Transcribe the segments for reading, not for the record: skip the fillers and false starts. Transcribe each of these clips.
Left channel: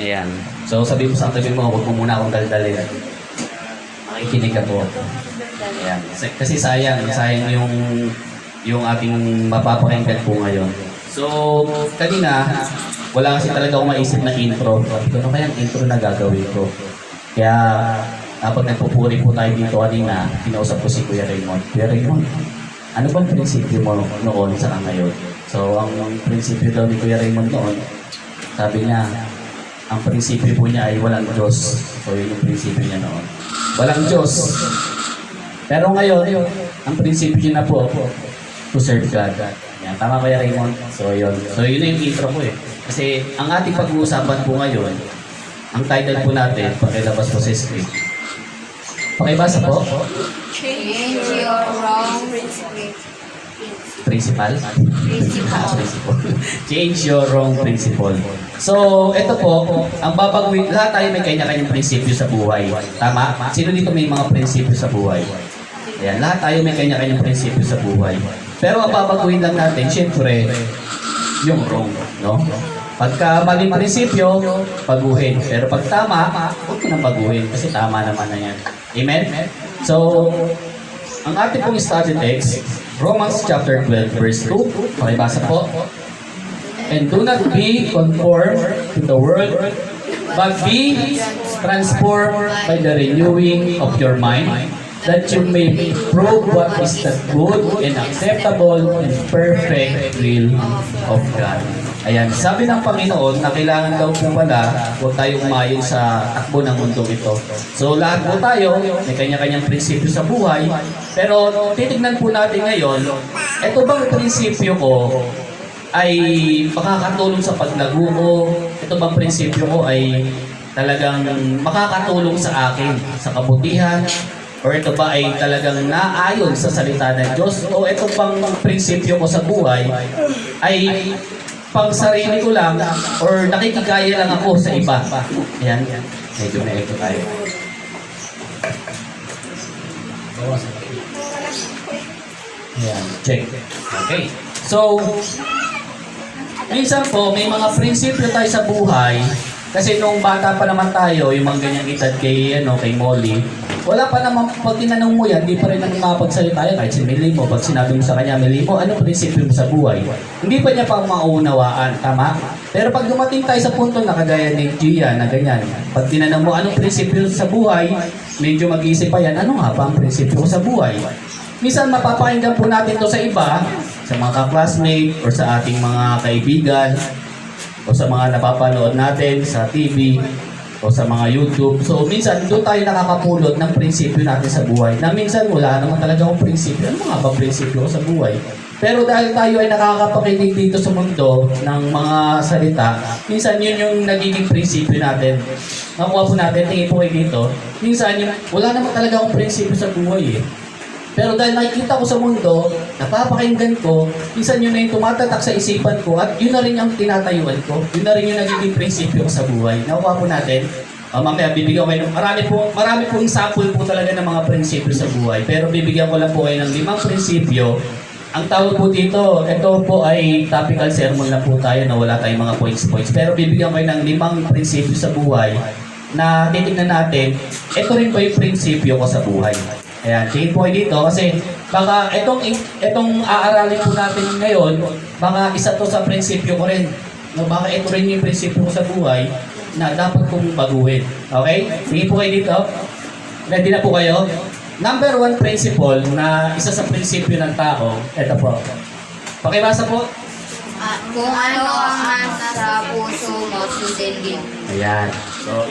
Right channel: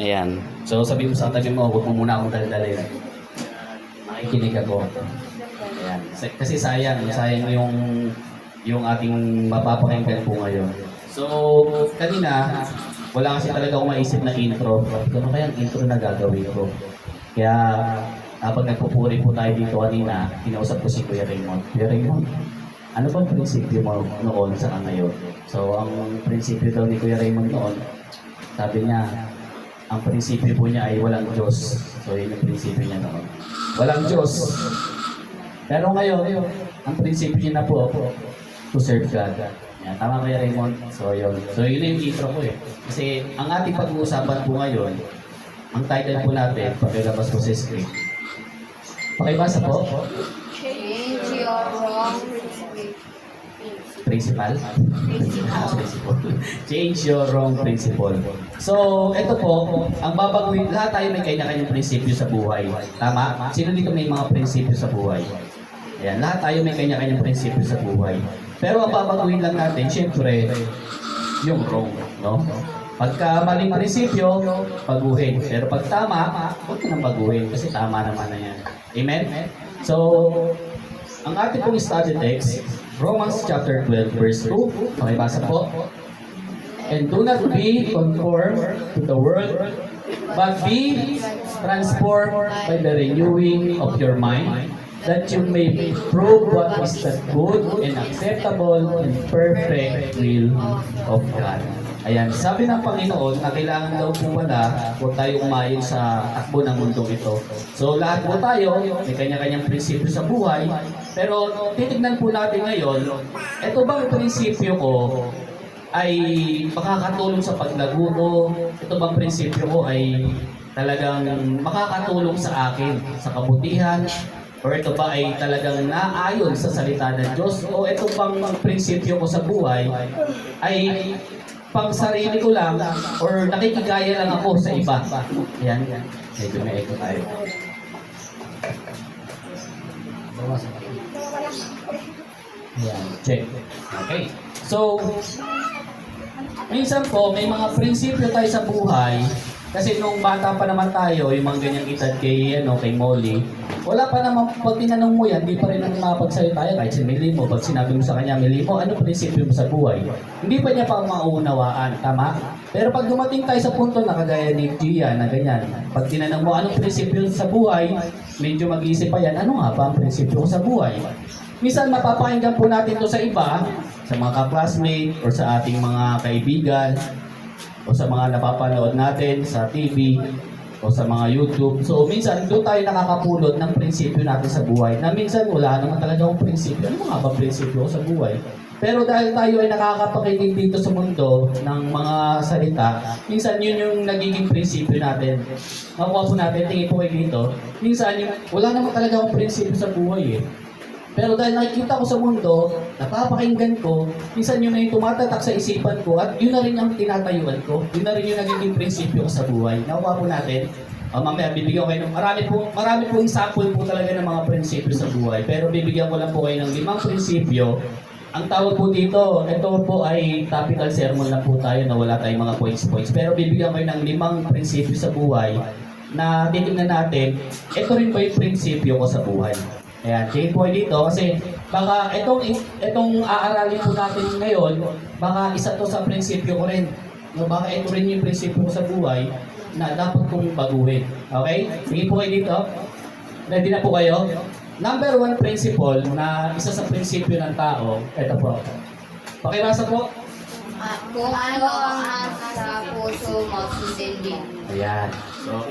Ayan. So sabi mo sa tabi mo, huwag mo muna akong daldalin. Makikinig ako. Ayan. Kasi sayang yung ating mapapakinggan po ngayon. So, kanina, wala kasi talaga akong maisip na intro. Sabi ko, ano kaya ang intro na gagawin ko? Kaya, kapag nagpupuri po tayo dito kanina, kinausap ko si Kuya Raymond. Kuya Raymond, ano bang prinsipyo mo noon sa ngayon? So, ang prinsipyo daw ni Kuya Raymond noon, sabi niya, ang prinsipyo po niya ay walang Diyos. So, yun yung prinsipyo niya noon. Walang Diyos. Pero ngayon, ang prinsipyo niya na po, to serve God. Yan, tama Kuya Raymond? So, yun. So, yun yung intro ko eh. Kasi, ang ating pag-uusapan po ngayon, ang title po natin, pakilabas po sa script. Pakibasa po. Change your wrong principle. Principal? Principle. Change your wrong principle. So, ito po, ang babaguhin, lahat tayo may kanya-kanyang prinsipyo sa buhay. Tama? Sino dito may mga prinsipyo sa buhay? Ayan, lahat tayo may kanya-kanyang prinsipyo sa buhay. Pero ang babaguhin lang natin, syempre, yung wrong, no? Pagka maling prinsipyo, baguhin. Pero pag tama, huwag mo nang baguhin kasi tama naman na yan. Amen? So, ang ating pong study text, Romans chapter 12, verse 2. Pakibasa po. And do not be conformed to the world, but be transformed by the renewing of your mind, that you may prove what is the good and acceptable and perfect will of God. Ayan, sabi ng Panginoon na kailangan daw po pala huwag tayong umayon sa takbo ng mundong ito. So lahat po tayo, may kanya-kanyang prinsipyo sa buhay, pero titignan po natin ngayon, ito bang prinsipyo ko ay makakatulong sa paglago ko? Ito bang prinsipyo ko ay talagang makakatulong sa akin, sa kabutihan? Or ito ba ay talagang naayon sa salita ng Diyos? O ito bang prinsipyo ko sa buhay ay pang sarili ko lang or nakikigaya lang ako sa iba? Ayan, medyo may ito tayo. Ayan, check. Okay. So, minsan po, may mga prinsipyo tayo sa buhay. Kasi nung bata pa naman tayo, yung mga ganyang edad kay Molly, wala pa naman, pag tinanong mo yan, hindi pa rin nakapagsalita yan. Kahit si Melimo, pag sinabi mo sa kanya, Melimo, ano prinsipyo mo sa buhay? Hindi pa niya pa maunawaan, tama? Pero pag dumating tayo sa punto na kagaya ni Gia na ganyan, pag tinanong mo anong prinsipyo sa buhay, medyo mag-iisip pa yan, ano nga ba ang prinsipyo ko sa buhay? Minsan mapapakinggan po natin to sa iba, sa mga ka-classmate, or sa ating mga kaibigan, o sa mga napapanood natin sa TV, o sa mga YouTube. So minsan doon tayo nakakapulot ng prinsipyo natin sa buhay na minsan wala naman talaga akong prinsipyo. Ano nga ba prinsipyo ko sa buhay? Pero dahil tayo ay nakakapakinig dito sa mundo ng mga salita, minsan yun yung nagiging prinsipyo natin. Nakuha po natin, tingin po kayo dito, minsan yung wala naman talaga akong prinsipyo sa buhay eh. Pero dahil nakikita ko sa mundo, napapakinggan ko, minsan yun na yung tumatatak sa isipan ko at yun na rin yung tinatayuan ko. Yun na rin yung nagiging prinsipyo ko sa buhay. Nakuha po natin. Mamaya bibigyan ko kayo ng marami pong sample po talaga ng mga prinsipyo sa buhay. Pero bibigyan ko lang po kayo ng 5 prinsipyo. Ang tawag po dito, ito po ay topical sermon lang po tayo na wala tayong mga points. Pero bibigyan ko kayo ng 5 prinsipyo sa buhay na titignan natin, ito rin po yung prinsipyo ko sa buhay. Ayan, tingin po kayo dito kasi baka itong aaralin po natin ngayon, baka isa to sa prinsipyo ko rin. No, baka ito rin yung prinsipyo ko sa buhay na dapat kong baguhin. Okay? Tingin po kayo dito. Ready na po kayo? Number 1 principle na isa sa prinsipyo ng tao, ito po. Pakibasa po. Kung ano ang nasa puso mo, sundin. Ayan. So,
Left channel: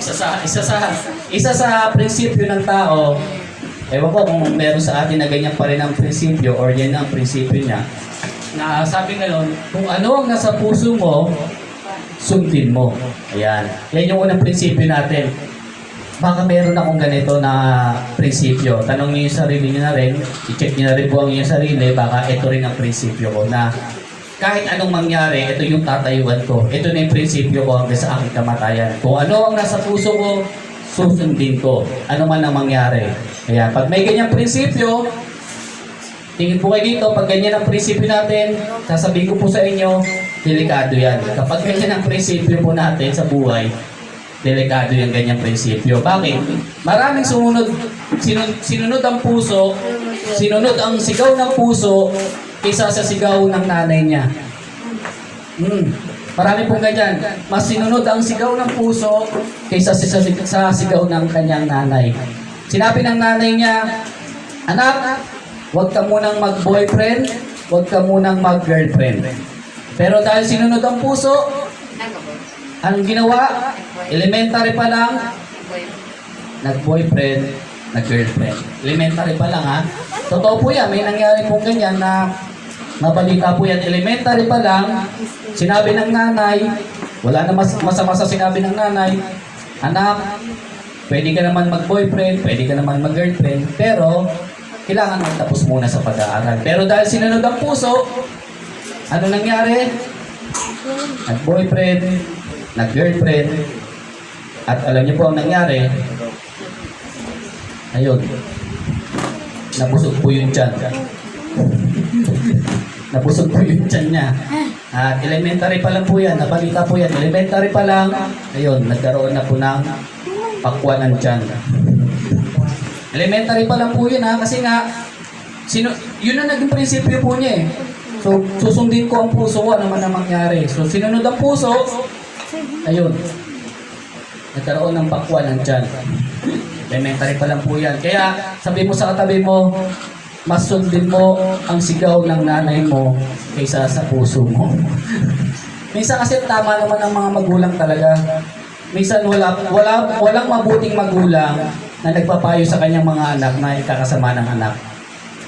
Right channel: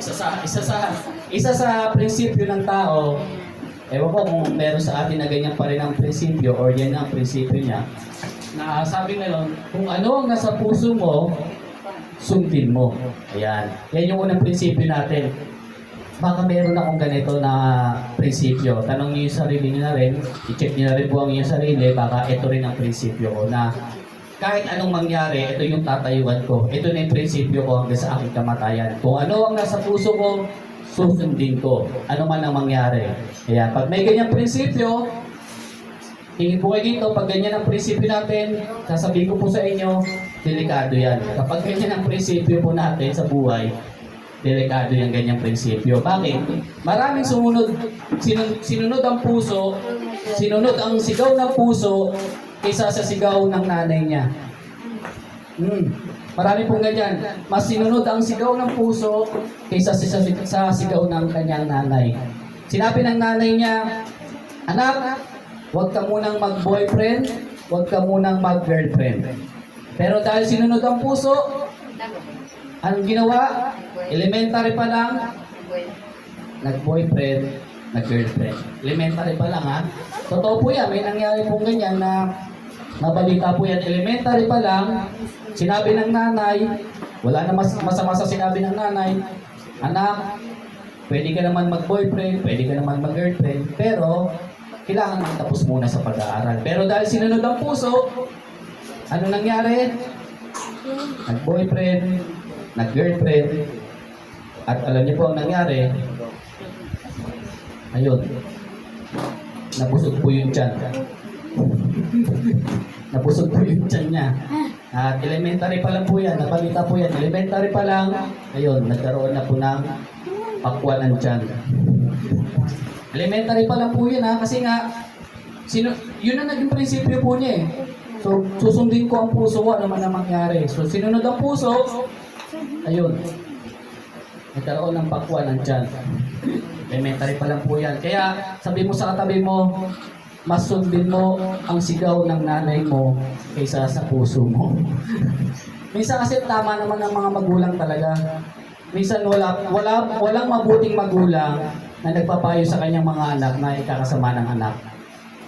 isa sa prinsipyo ng tao, ewan ko kung meron sa atin na ganyan pa rin ang prinsipyo or yan ang prinsipyo niya. Na sabi ngayon, kung ano ang nasa puso mo, sundin mo. Ayan. Yan yung unang prinsipyo natin. Baka meron akong ganito na prinsipyo. Tanong niyo yung sarili niyo na rin. I-check niyo na rin po ang iyong sarili. Baka ito rin ang prinsipyo ko na kahit anong mangyari, ito yung tatayuan ko. Ito na yung prinsipyo ko hanggang sa aking kamatayan. Kung ano ang nasa puso ko, susundin ko. Ano man ang mangyari. Kaya pag may ganyang prinsipyo, tingin po kayo dito, pag ganyan ang prinsipyo natin, sasabihin ko po sa inyo, delikado yan. Kapag ganyan ang prinsipyo po natin sa buhay, delikado yung ganyang prinsipyo. Bakit? Maraming sinunod ang puso, sinunod ang sigaw ng puso kaysa sa sigaw ng nanay niya. Marami pong ganyan. Mas sinunod ang sigaw ng puso kaysa sa sigaw ng kanyang nanay. Sinabi ng nanay niya, anak, huwag ka munang mag-boyfriend, huwag ka munang mag-girlfriend. Pero dahil sinunod ang puso, ang ginawa, elementary pa lang, nag-boyfriend, nag-girlfriend. Elementary pa lang ha. Totoo po yan, may nangyari pong ganyan na mabalita po yan. Elementary pa lang, sinabi ng nanay, wala na masama sa sinabi ng nanay, anak, pwede ka naman mag-boyfriend, pwede ka naman mag-girlfriend, pero kailangan magtapos muna sa pag-aaral. Pero dahil sinunod ang puso, ano nangyari? Nag-boyfriend, nag-girlfriend, at alam niyo po ang nangyari, ayun, nabusog po yung tiyan. Nabusog po yung tiyan niya. At elementary pa lang po yan, nabalita po yan, elementary pa lang, ayun, nagkaroon na po ng pakwan ng tiyan. Elementary pa lang po yun ha, kasi nga, yun ang naging prinsipyo po niya eh. So, susundin ko ang puso ko, ano man ang mangyari. So, sinunod ang puso, ayun, nagkaroon ng pakwan ng tiyan. Elementary pa lang po yan. Kaya, sabi mo sa katabi mo, mas sundin mo ang sigaw ng nanay mo kaysa sa puso mo. Minsan kasi tama naman ang mga magulang talaga. Minsan walang mabuting magulang na nagpapayo sa kanyang mga anak na ikakasama ng anak.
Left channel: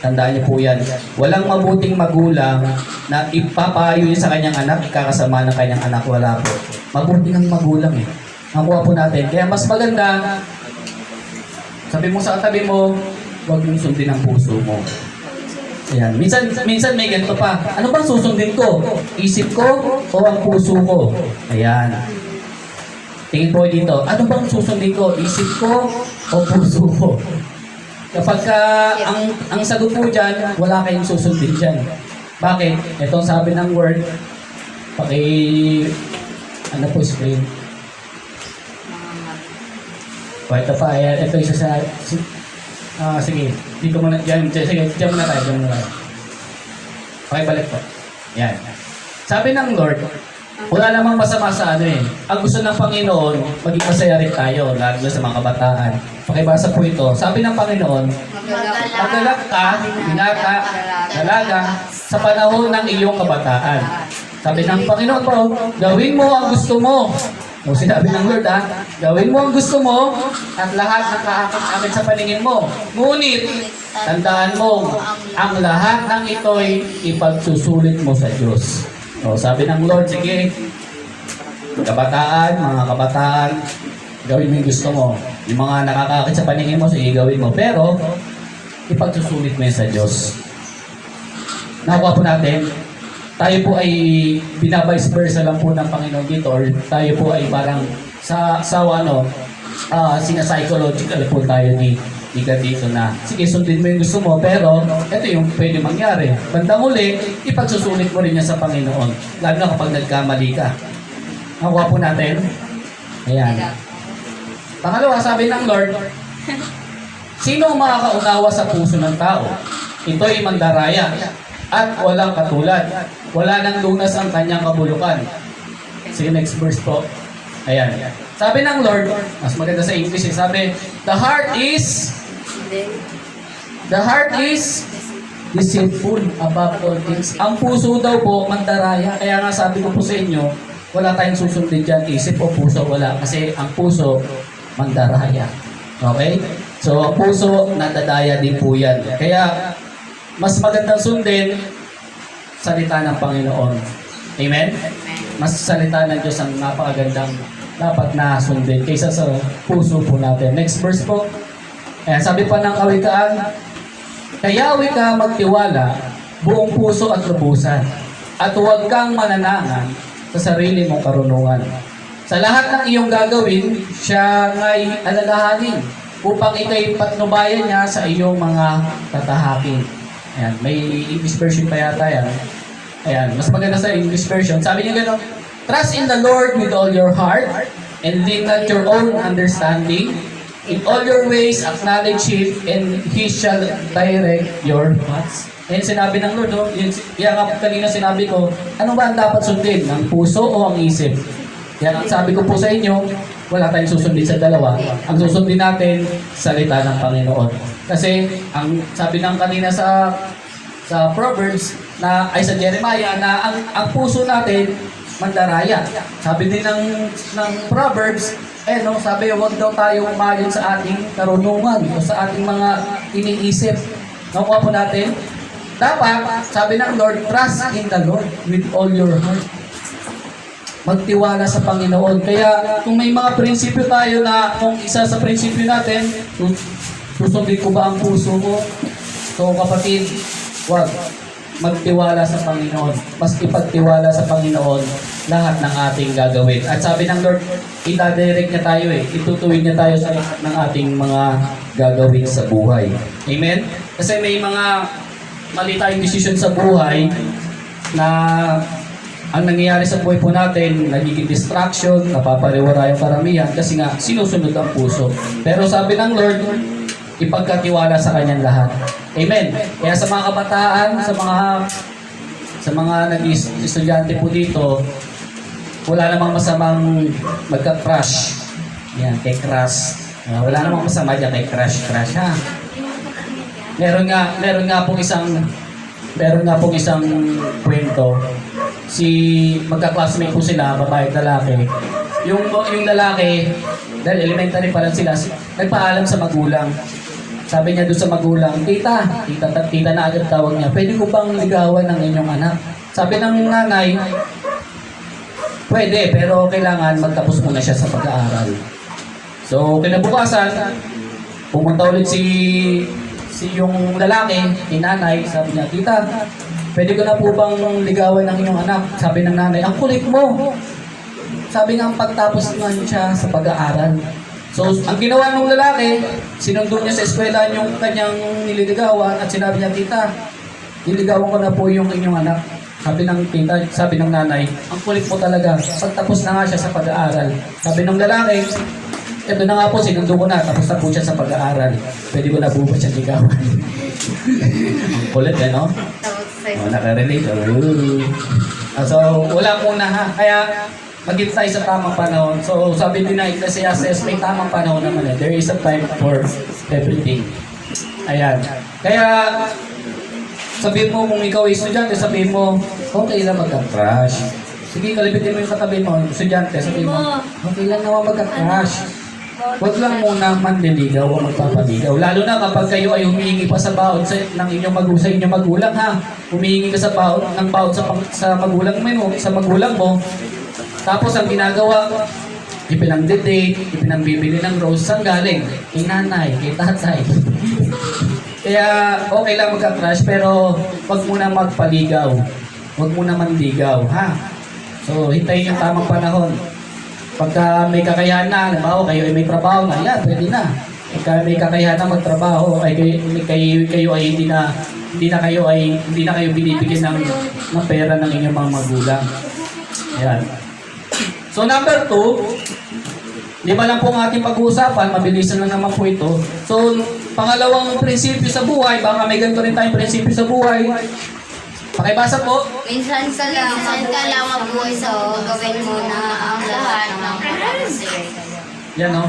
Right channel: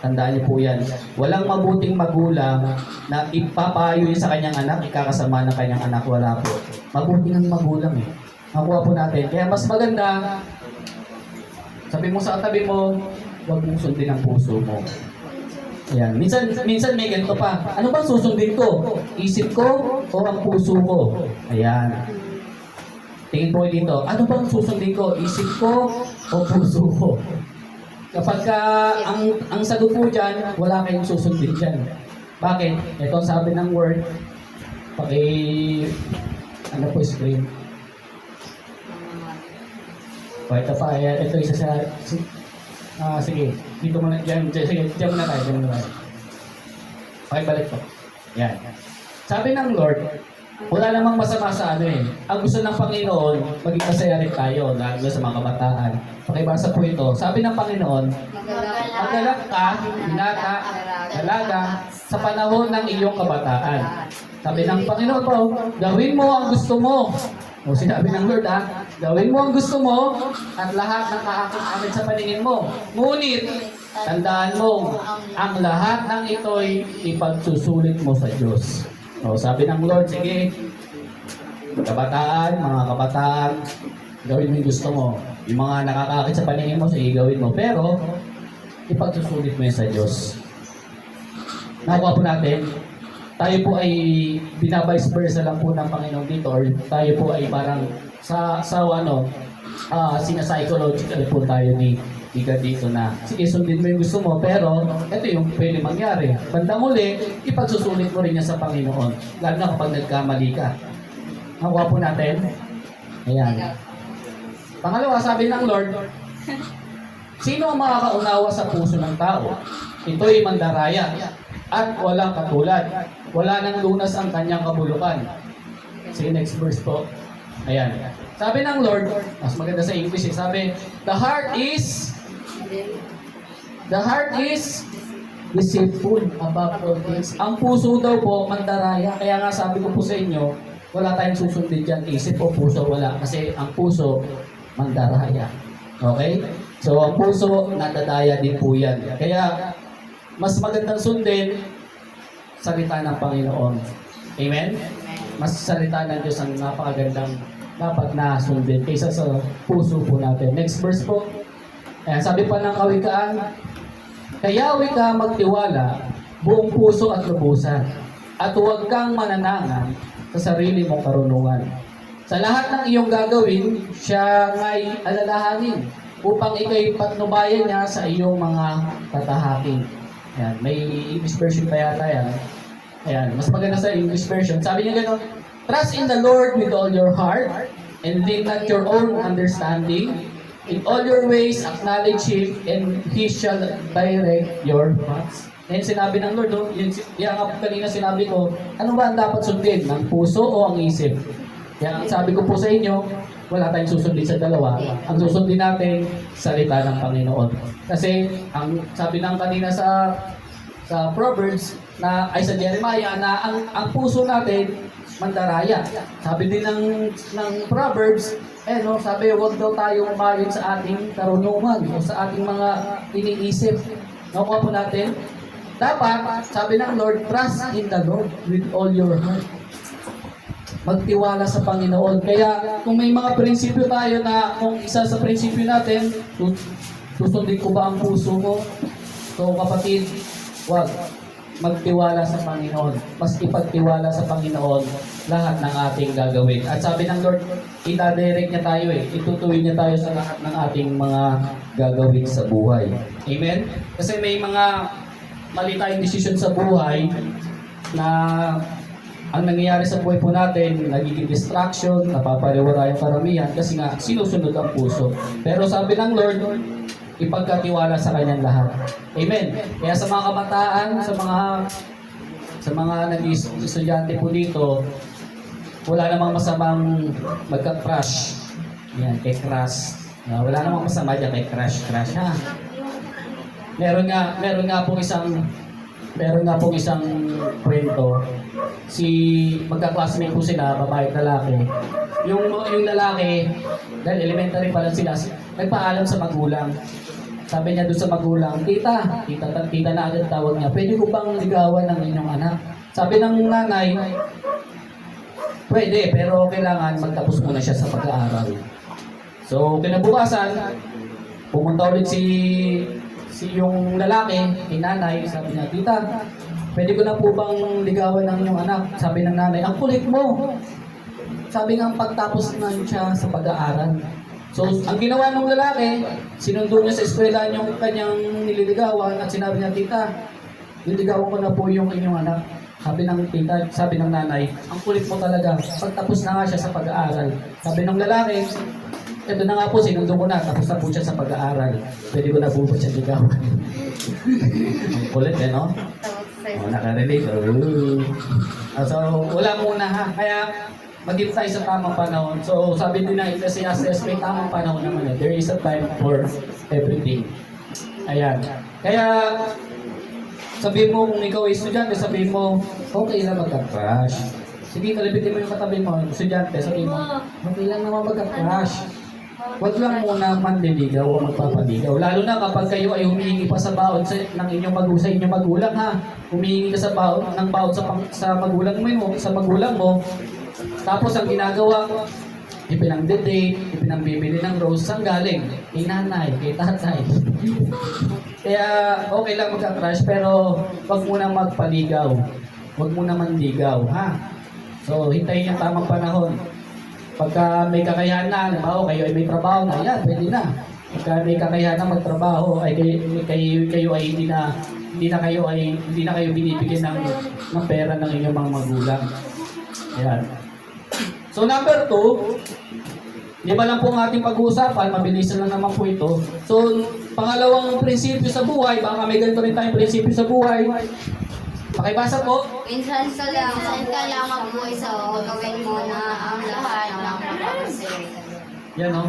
Tandaan niyo po yan. Walang mabuting magulang na ipapayo sa kanyang anak, ikakasama ng kanyang anak. Wala po. Mabuting ang magulang eh. Nakuha po natin. Kaya mas maganda, sabi mo sa katabi mo, huwag mong sundin ang puso mo. Ayan. Minsan may ganito pa. Ano ba susundin ko? Isip ko o ang puso ko? Ayan. Tingin po dito. Ano bang susundin ko? Isip ko o puso ko? Kapag ang sagot po dyan, wala kayong susundin dyan. Bakit? Ito ang sabi ng word. Ano po screen? Ito pa. Ito isa sa... sige, di ko muna, sige, jump na tayo. Okay, balik po. Yan. Sabi ng Lord, wala namang masama sa ano eh. Ang gusto ng Panginoon, maging masaya rin tayo, lalo na sa mga kabataan. Pakibasa po ito. Sabi ng Panginoon, magalak ka, binata, dalaga, sa panahon ng iyong kabataan. Sabi ng Panginoon po, gawin mo ang gusto mo. O sinabi ng Lord gawin mo ang gusto mo at lahat ng kaakit-akit sa paningin mo. Ngunit, tandaan mo, ang lahat ng ito'y ipagsusulit mo sa Diyos. O sabi ng Lord, sige, mga kabataan, gawin mo yung gusto mo. Yung mga nakakaakit sa paningin mo, sige, gawin mo. Pero, ipagsusulit mo yan sa Diyos. Nakuha po natin, tayo po ay binavice versa lang po ng Panginoon dito, or tayo po ay parang sinapsychological po tayo ni God dito na sige, sundin mo yung gusto mo, pero ito yung pwede mangyari. Bandang uli, ipagsusulit mo rin niya sa Panginoon, lalo na kapag nagkamali ka. Nakuha po natin? Ayan. Pangalawa, sabi ng Lord, sino ang makakaunawa sa puso ng tao? Ito'y mandaraya at walang katulad. Wala nang lunas ang kanyang kabulukan. Sige, next verse po. Ayan. Sabi ng Lord, mas maganda sa English, sabi, the heart is deceitful above all things. Ang puso daw po, mandaraya. Kaya nga sabi ko po sa inyo, wala tayong susundin dyan, isip o puso, wala. Kasi ang puso, mandaraya. Okay? So, ang puso, nadadaya din po yan. Kaya, mas magandang sundin, salita ng Panginoon. Amen? Mas salita ng Diyos ang napakagandang dapat na sundin kaysa sa puso po natin. Next verse po. Ayan, sabi pa ng kawikaan, kayawi ka magtiwala, buong puso at lubusan, at huwag kang mananangan sa sarili mong karunungan. Sa lahat ng iyong gagawin, siya nga'y alalahanin upang ikay patnubayan niya sa iyong mga tatahakin. Ayan, may English version pa yata yan. Ayan, mas maganda sa English version. Sabi niya gano'n, trust in the Lord with all your heart and lean not your own understanding. In all your ways, acknowledge Him, and He shall direct your paths. Yan sinabi ng Lord, no? Yan nga kanina sinabi ko, ano ba ang dapat sundin? Ang puso o ang isip? Yan ang sabi ko po sa inyo, wala tayong susundin sa dalawa. Ang susundin natin, salita ng Panginoon. Kasi, ang sabi ng kanina sa Proverbs, na ay sa Jeremiah, na ang puso natin, mandaraya. Sabi din ng Proverbs, no, sabi, huwag daw tayo umayon sa ating karunungan o sa ating mga iniisip. Nakuha po natin? Dapat, sabi ng Lord, trust in the Lord with all your heart. Magtiwala sa Panginoon. Kaya, kung may mga prinsipyo tayo na, kung isa sa prinsipyo natin, susundin ko ba ang puso mo? So, kapatid, wag. Magtiwala sa Panginoon. Mas ipagtiwala sa Panginoon lahat ng ating gagawin. At sabi ng Lord, itadirect niya tayo itutuwid niya tayo sa lahat ng ating mga gagawin sa buhay. Amen? Kasi may mga mali tayong desisyon sa buhay na ang nangyayari sa buhay po natin, nagiging distraction, napapariwara yung karamihan kasi nga sinusunod ang puso. Pero sabi ng Lord, ipagkatiwala sa kanyang lahat. Amen. Kaya sa mga kabataan, sa mga nag-estudyante po dito, wala namang masamang magka-crush. Yan, kay crush. Wala namang masama dyan kay crush ha. Meron nga pong isang kwento. Magka-classmate po sila, babae at lalaki. Yung lalaki, dahil elementary pa lang sila, nagpaalam sa magulang. Sabi niya doon sa magulang, tita na agad tawag niya, pwede ko bang ligawan ng inyong anak? Sabi ng nanay, pwede, pero kailangan magtapos muna siya sa pag-aaral. So, kinabukasan, pumunta ulit si yung lalaki, ni nanay, sabi niya, tita, pwede ko na po bang ligawan ng inyong anak? Sabi ng nanay, ang kulit mo. Sabi nga, pagtapos naman siya sa pag-aaral. So, ang ginawa ng lalaki, sinundo niya sa eskwela yung kanyang nililigawan at sinabi niya, tita, niligawan ko na po yung inyong anak. Sabi ng nanay, ang kulit mo talaga. Pagtapos na nga siya sa pag-aaral. Sabi ng lalaki, ito na nga po, sinundo ko na, tapos na po siya sa pag-aaral. Pwede ko na po ba siya ligawan? Ang kulit no? Nakarelate. So, wala muna ha. Kaya, maghintay sa tamang panahon. So, sabi din na Ecclesiastes, may tamang panahon naman. There is a time for everything. Ayan. Kaya, sabihin mo, kung ikaw ay estudyante, sabihin mo, okay lang magka-crush. Sige, kalibitin mo yung katabi mo, estudyante, sabihin mo, okay lang naman magka-crush. Huwag lang muna manliligaw o magpapaligaw. Lalo na kapag kayo ay humihingi pa sa baon ng inyong magulang ha. Humihingi ka sa baon sa magulang mo. Tapos ang ginagawa, ipinang-date, ipinang-bibili ng rose, saan galing? Kay nanay, kay tatay. Kaya okay lang magka-crush, pero wag muna magpaligaw. Wag muna manligaw, ha? So, hintayin yung tamang panahon. Pagka may kakayahan na, halimbawa kayo ay may trabaho na, yan, pwede na. Pagka may kakayahan na magtrabaho, ay kayo ay hindi na kayo binibigyan ng pera ng inyong mga magulang. Ayan. So number 2, 5 lang po ang ating pag-uusapan, mabilisan lang naman po ito. So pangalawang prinsipyo sa buhay, baka may ganito rin tayong prinsipyo sa buhay. Pakibasa po. Minsan ka lang mabuhay, so gawin mo na ang lahat ng makakasir. Yan o.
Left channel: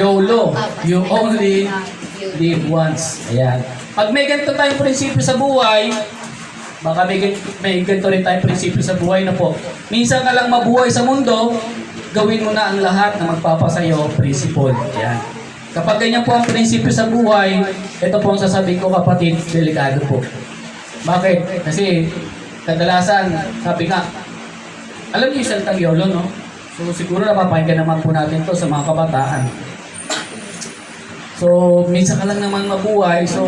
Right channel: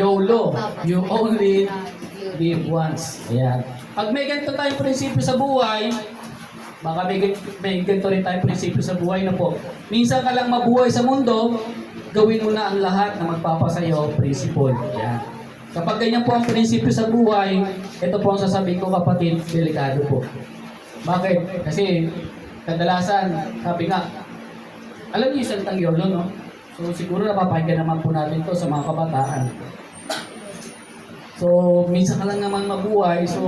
YOLO. You only live once. Ayan. Pag may ganito tayong prinsipyo sa buhay, baka may ganito rin tayong prinsipyo sa buhay na po. Minsan ka lang mabuhay sa mundo, gawin mo na ang lahat na magpapasayo, principle. Ayan. Kapag ganyan po ang prinsipyo sa buhay, ito po ang sasabihin ko kapatid, delikado po. Bakit? Kasi kadalasan, sabi nga, alam niyo yung salitang YOLO, no? So siguro napapakinggan naman po natin to sa mga kabataan. So minsan ka lang naman mabuhay, so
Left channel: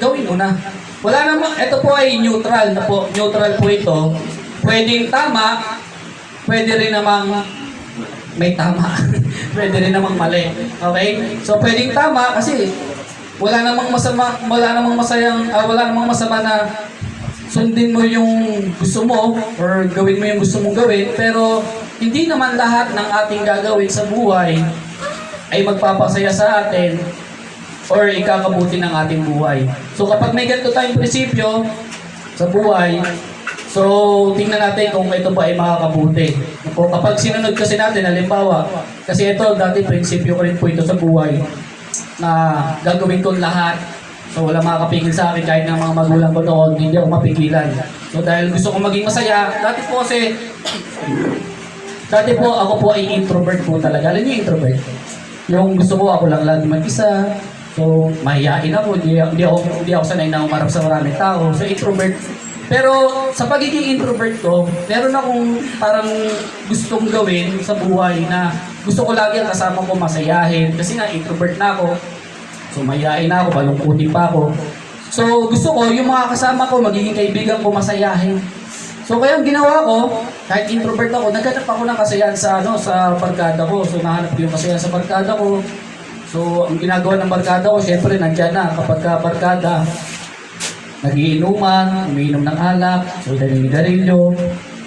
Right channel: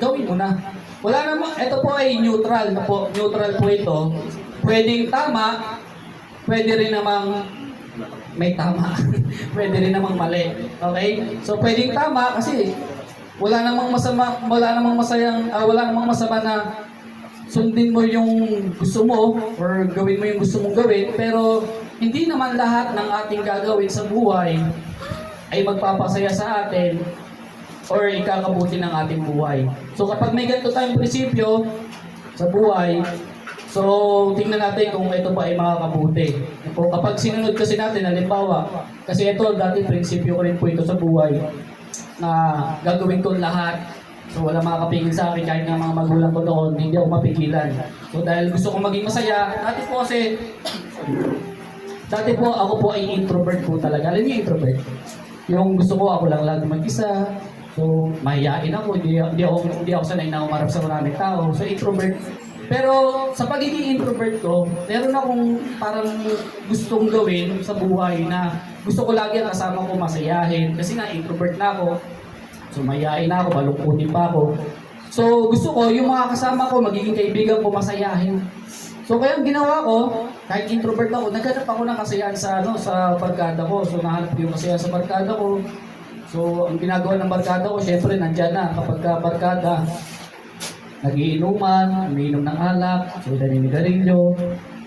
gawin mo na. Wala namang, ito po ay neutral na po. Neutral po ito. Pwedeng tama, pwede rin namang may tama. Pwede rin namang mali. Okay? So pwedeng tama kasi wala namang masama na sundin mo yung gusto mo or gawin mo yung gusto mong gawin, pero hindi naman lahat ng ating gagawin sa buhay ay magpapasaya sa atin or ikakabuti ng ating buhay. So kapag may ganito tayong prinsipyo sa buhay, so tingnan natin kung ito ba ay makakabuti. Kung kapag sinunod kasi natin, halimbawa, kasi ito dati prinsipyo ko rin po ito sa buhay, na gagawin ko lahat. So wala makakapigil sa akin kahit ng mga magulang ko noon, hindi ako mapigilan. So dahil gusto ko maging masaya, dati po ako po ay introvert po talaga. Alam niyo introvert? Yung gusto ko ako lang lagi mag-isa. So mahihain ako, hindi ako sanay na umarap sa maraming tao. So introvert. Pero sa pagiging introvert ko, meron akong parang gustong gawin sa buhay na gusto ko lagi ang kasama ko masayahin. Kasi nga introvert na ako. So mahihain na ako, malungkutin pa ako. So gusto ko yung mga kasama ko, magiging kaibigan ko masayahin. So kaya ang ginawa ko, kahit introvert ako, naghanap ako ng kasiyahan sa barkada ko. So nahanap ko yung kasiyahan sa barkada ko. So ang ginagawa ng barkada ko, syempre nandiyan na kapag ka barkada, nagiinuman, umiinom ng alak, so naninigarilyo.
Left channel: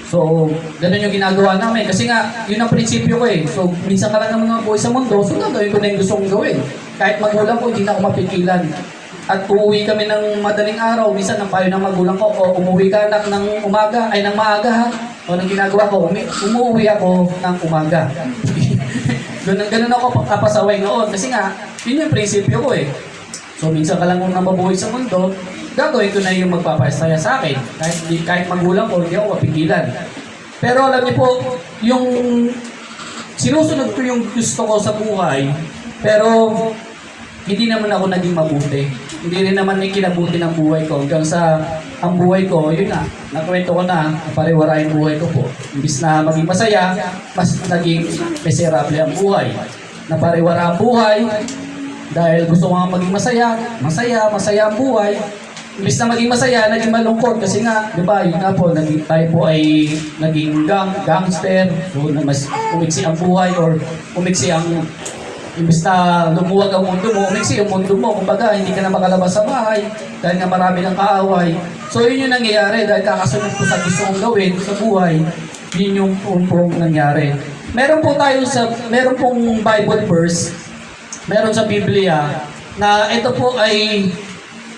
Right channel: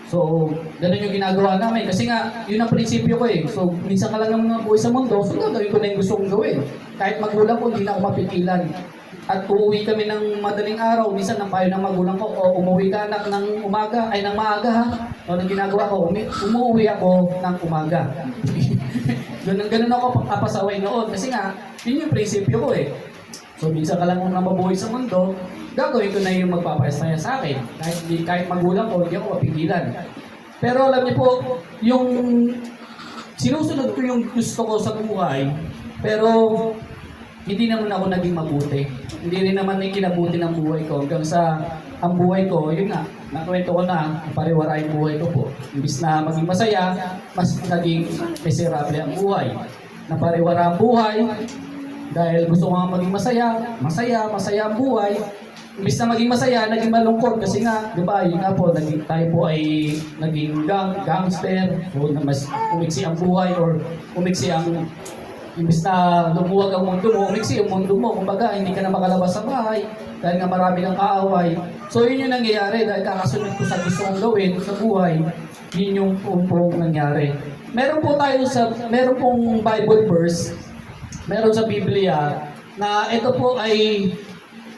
So ganun yung ginagawa namin. Kasi nga, yun ang prinsipyo ko eh. So minsan ka lang naman mga buhay sa mundo, so gagawin ko na yung gusto kong gawin. Kahit magulang ko, hindi na ako mapigilan. At uuwi kami ng madaling araw, minsan ang payo ng magulang ko, o umuwi ka anak ng umaga, ay ng maaga ha. O nang ginagawa ko, umuwi ako ng umaga. Ganun ako papasaway noon. Kasi nga, yun yung prinsipyo ko eh. So minsan ka lang nang mabuhay sa mundo, gagawin ko na yung magpapasaya sa akin. Kahit magulang ko, hindi ako mapigilan. Pero alam niyo po, yung sinusunod ko yung gusto ko sa buhay, pero hindi naman ako naging mabuti. Hindi rin naman yung kinabuti ng buhay ko. Hanggang sa ang buhay ko, yun na, nakwento ko na, pariwara yung buhay ko po. Imbis na maging masaya, mas naging miserable ang buhay. Napariwara ang buhay, dahil gusto ko nga maging masaya ang buhay. Imbis na maging masaya, naging malungkot. Kasi nga, di ba, yun nga po, tayo po ay naging gangster. So, mas umiksi ang buhay or umiksi ang imbis na lumuwag ang mundo mo, umiksi yung mundo mo. Kumbaga, hindi ka na makalabas sa bahay dahil nga marami ng kaaway. So, yun yung nangyayari dahil kakasunod ko sa gusto kong gawin sa buhay. Yun yung pong nangyari. Meron pong Bible verse, meron sa Biblia, na ito po ay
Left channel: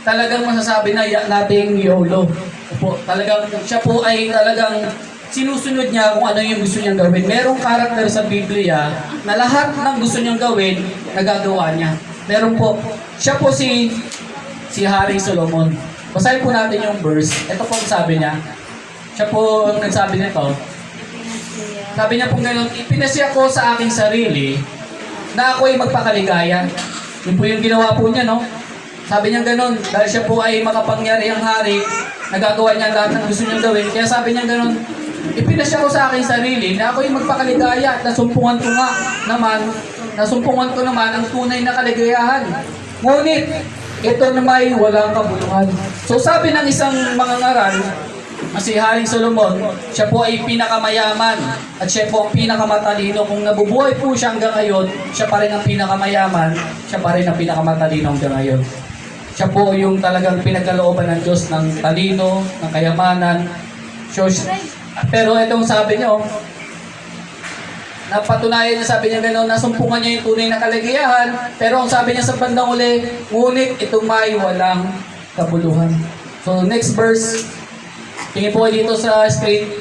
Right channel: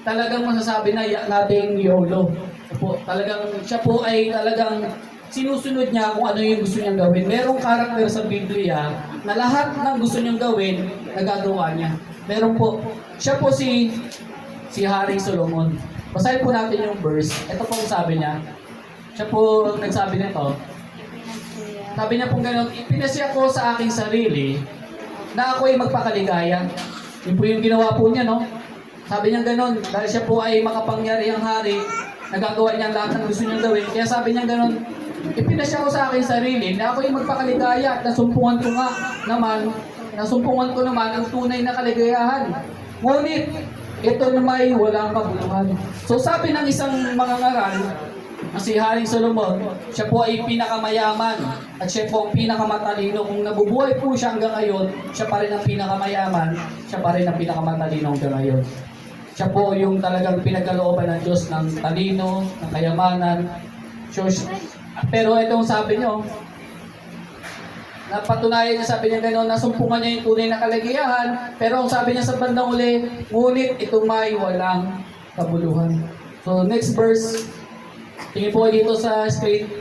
talagang masasabi na nating YOLO. Po, talagang siya po ay talagang sinusunod niya kung ano yung gusto niyang gawin. Merong karakter sa Biblia na lahat ng gusto niyang gawin, nagagawa niya. Meron po, siya po si Haring Solomon. Basahin po natin yung verse. Ito po ang sabi niya. Siya po ang nagsabi nito. Sabi niya po gano'n, ipinasya ko sa aking sarili na ako'y magpakaligaya. Yun po yung ginawa po niya, no? Sabi niya gano'n, dahil siya po ay makapangyarihang hari, nagagawa niya lahat ng gusto niyang gawin. Kaya sabi niya gano'n, ipinasya ko sa aking sarili na ako'y magpakaligaya at nasumpungan ko naman ang tunay na kaligayahan. Ngunit, ito naman walang kabuluhan. So sabi ng isang mangangaral, si Haring Solomon, siya po ay pinakamayaman at siya po ang pinakamatalino. Kung nabubuhay po siya hanggang ngayon, siya pa rin ang pinakamayaman, siya pa rin ang pinakamatalino hanggang ngayon. Siya po yung talagang pinagkalooban ng Diyos ng talino, ng kayamanan. So, pero itong sabi niyo, napatunayan niya, sabi niya gano'n, nasumpungan niya yung tunay na kaligayahan, pero ang sabi niya sa bandang uli, ngunit itong may walang kabuluhan. So next verse, tingin po dito sa screen.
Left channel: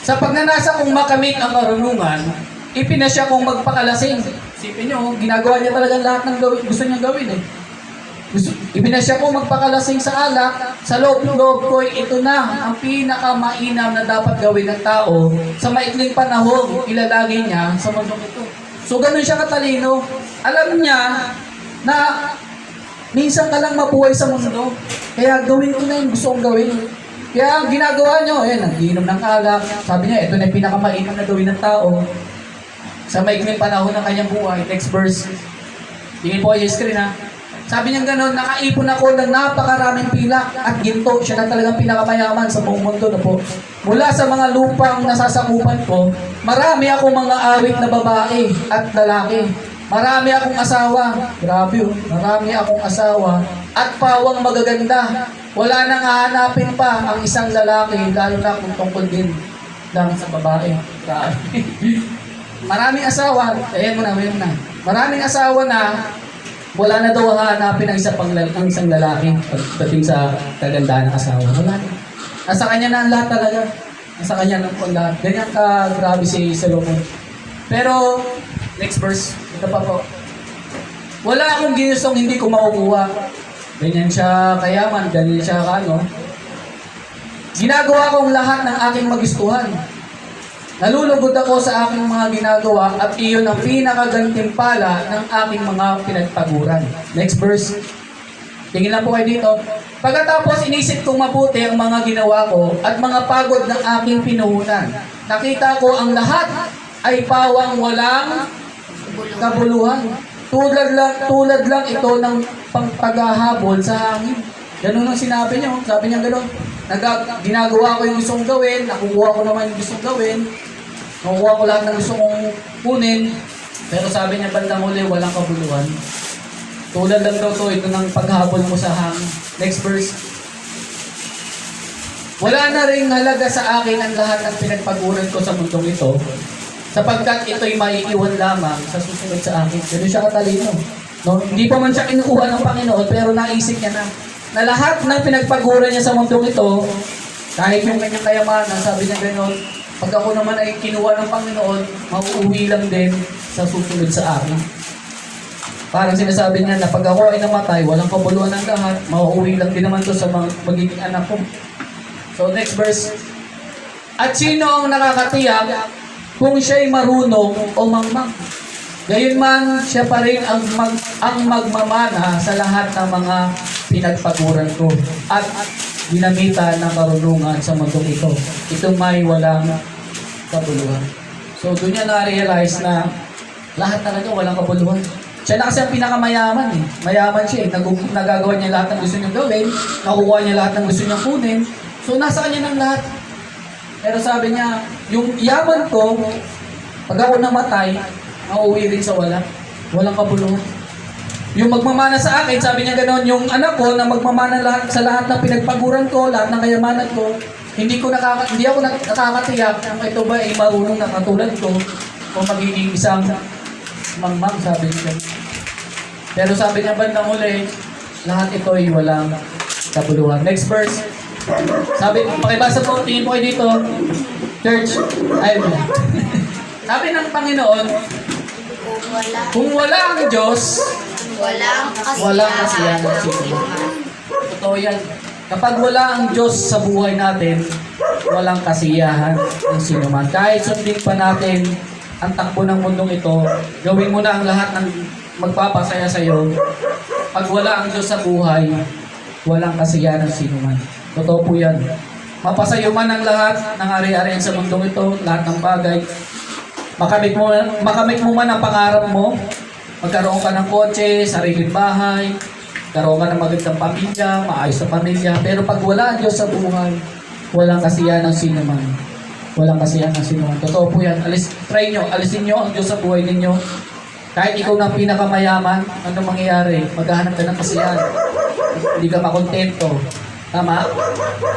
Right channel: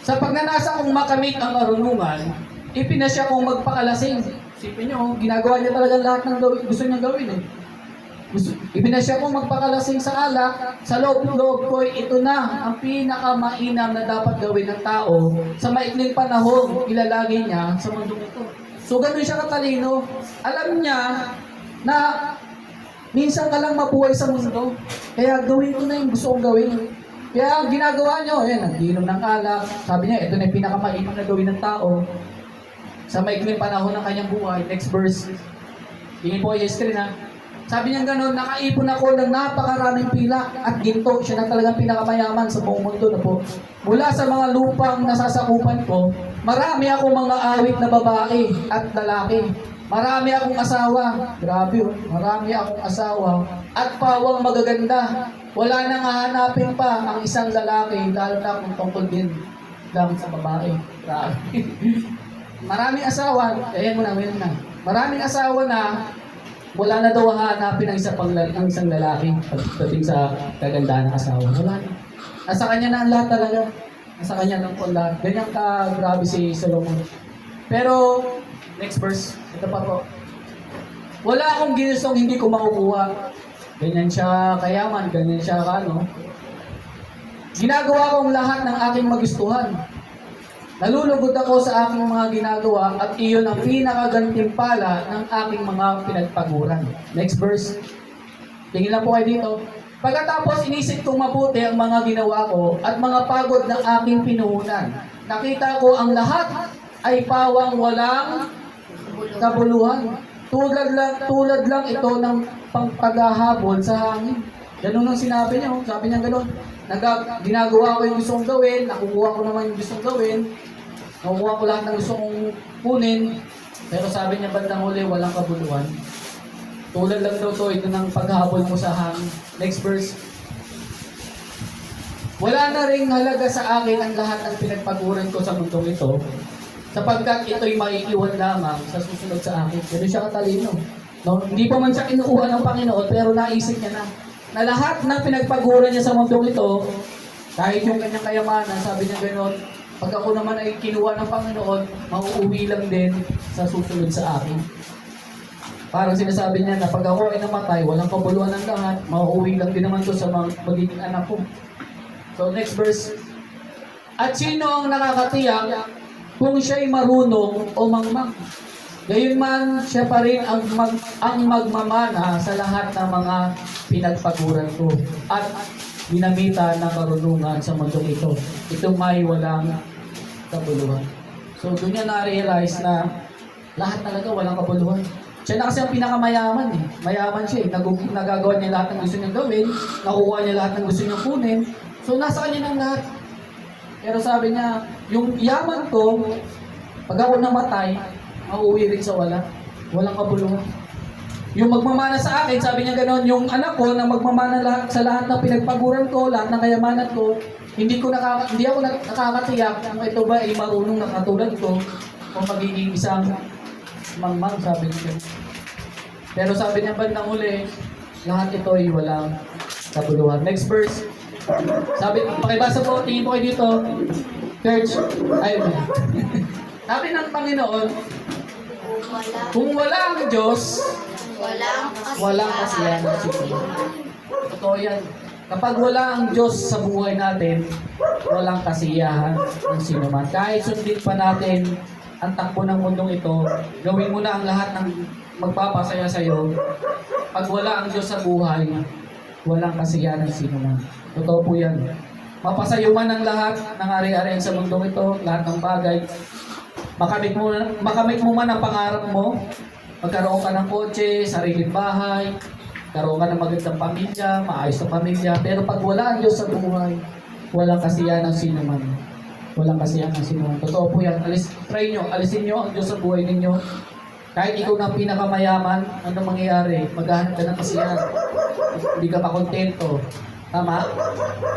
Sa pagnanasa kong makamit ang karunungan, ipinasya kong magpakalasing. Sipin niyo, ginagawa niya talagang lahat ng gusto niyang gawin eh. Ipinasya kong magpakalasing sa alak, sa loob-loob ko, ito na ang pinakamainam na dapat gawin ng tao. Sa maikling panahon, ilalagay niya sa mundong ito. So ganun siya katalino. Alam niya na minsan ka lang mabuhay sa mundo, kaya gawin ko na yung gusto kong gawin. Kaya ang ginagawa niyo, nagiinom ng alak. Sabi niya, ito na yung pinakamainam na gawin ng tao. Sa maikling panahon ng kanyang buhay. Next verse. Tingin po kayo yung screen ha. Sabi niya gano'n, nakaipon ako ng napakaraming pilak at ginto. Siya na talagang pinakamayaman sa buong mundo na po. Mula sa mga lupang nasasakupan ko, marami akong mga awit na babae at lalaki. Marami akong asawa. Grabe oh. Marami akong asawa. At pawang magaganda. Wala nang hahanapin pa ang isang lalaki, lalo na kung tungkol din lang sa babae. Grabe. Maraming asawa, ayan mo na. Maraming asawa na wala na daw hahanapin ang isang lalaki pagdating sa kagandahan ng asawa. Wala na. Nasa kanya na ang lahat talaga. Nasa kanya na ang lahat. Ganyan ka grabe si Solomon. Pero, next verse, ito pa po. Wala akong ginustong hindi ko makukuha. Ganyan siya kayaman, ganyan siya kano. Ginagawa kong lahat ng aking magustuhan. Nalulugod ako sa aking mga ginagawa at iyon ang pinakagantimpala ng aking mga pinagpaguran. Next verse. Tingin lang po kayo dito. Pagkatapos inisip kong mabuti ang mga ginawa ko at mga pagod ng aking pinuhunan. Nakita ko ang lahat ay pawang walang kabuluhan. Tulad lang ito ng paghahabol sa hangin. Ganun ang sinabi niya. Sabi niya ganun. Ginagawa ko yung gusto kong gawin, nakukuha ko naman yung gusto kong gawin, nakukuha ko lahat ng gusto kong kunin, pero sabi niya bandang huli, walang kabuluhan. Tulad lang daw to, ito ng paghabol mo sa hangin. Next verse. Wala na rin halaga sa akin ang lahat ng pinagpaguran ko sa mundong ito, sapagkat ito'y maiiwan lamang sa susunod sa akin. Ganun siya katalino. No? Hindi pa man siya kinukuha ng Panginoon, pero naisip niya na lahat ng pinagpaguran niya sa mundong ito, kahit yung kanyang kayamanan, sabi niya gano'n, pag ako naman ay kinuha ng Panginoon, mauuwi lang din sa susunod sa akin. Parang sinasabi niya na pag ako ay namatay, walang kabuluhan ng lahat, mauuwi lang din naman to sa magiging anak ko. So next verse. At sino ang nakakatiyak kung siya'y marunong o mangmang? Gayunman, siya pa rin ang magmamana sa lahat ng mga pinagpaguran ko at ginamitan ng karunungan sa mundong ito. Itong may walang kabuluhan. So doon niya na-realize na lahat talaga walang kabuluhan. Siya na kasi ang pinakamayaman eh. Mayaman siya eh. Nagagawa niya lahat ng gusto niyang gawin. Nakukuha niya lahat ng gusto niyang kunin. So nasa kanya ng lahat. Pero sabi niya, yung yaman ko, pag ako namatay, mauuwi rin sa wala. Walang kabuluhan. Yung magmamana sa akin, sabi niya gano'n, yung anak ko na magmamana sa lahat ng pinagpaguran ko, lahat ng kayamanan ko, hindi ako nakakatiyak kung ito ba ay marunong na katulad ko o magiging isang mangmang, sabi niya. Pero sabi niya bandang huli, lahat ito ay walang kabuluhan. Next verse. Sabi, pakibasa po, tingin po kayo dito. Church, ayun. Sabi ng Panginoon, kung wala ang Diyos, walang kasiyahan ng sino. Totoo yan. Kapag wala ang Diyos sa buhay natin, walang kasiyahan ng sino man. Kahit sundin pa natin ang takbo ng mundong ito, gawin mo na ang lahat ng magpapasaya sa iyo. Pag wala ang Diyos sa buhay, walang kasiyahan ng sino man. Totoo po yan. Mapasayo man ang lahat ng ari-arian sa mundong ito, lahat ng bagay. Makamit mo man ang pangarap mo, magkaroon ka ng kotse, sariling bahay, magkaroon ka ng magandang pamilya, maayos na pamilya, pero pag wala ang Diyos sa buhay, walang kasiyahan ng sino man. Walang kasiyahan ng sino man. Totoo po yan. Alisin nyo ang Diyos sa buhay ninyo. Kahit ikaw na pinakamayaman, ano mangyayari? Maghahanap ka ng kasiyahan. Hindi ka makontento. Tama?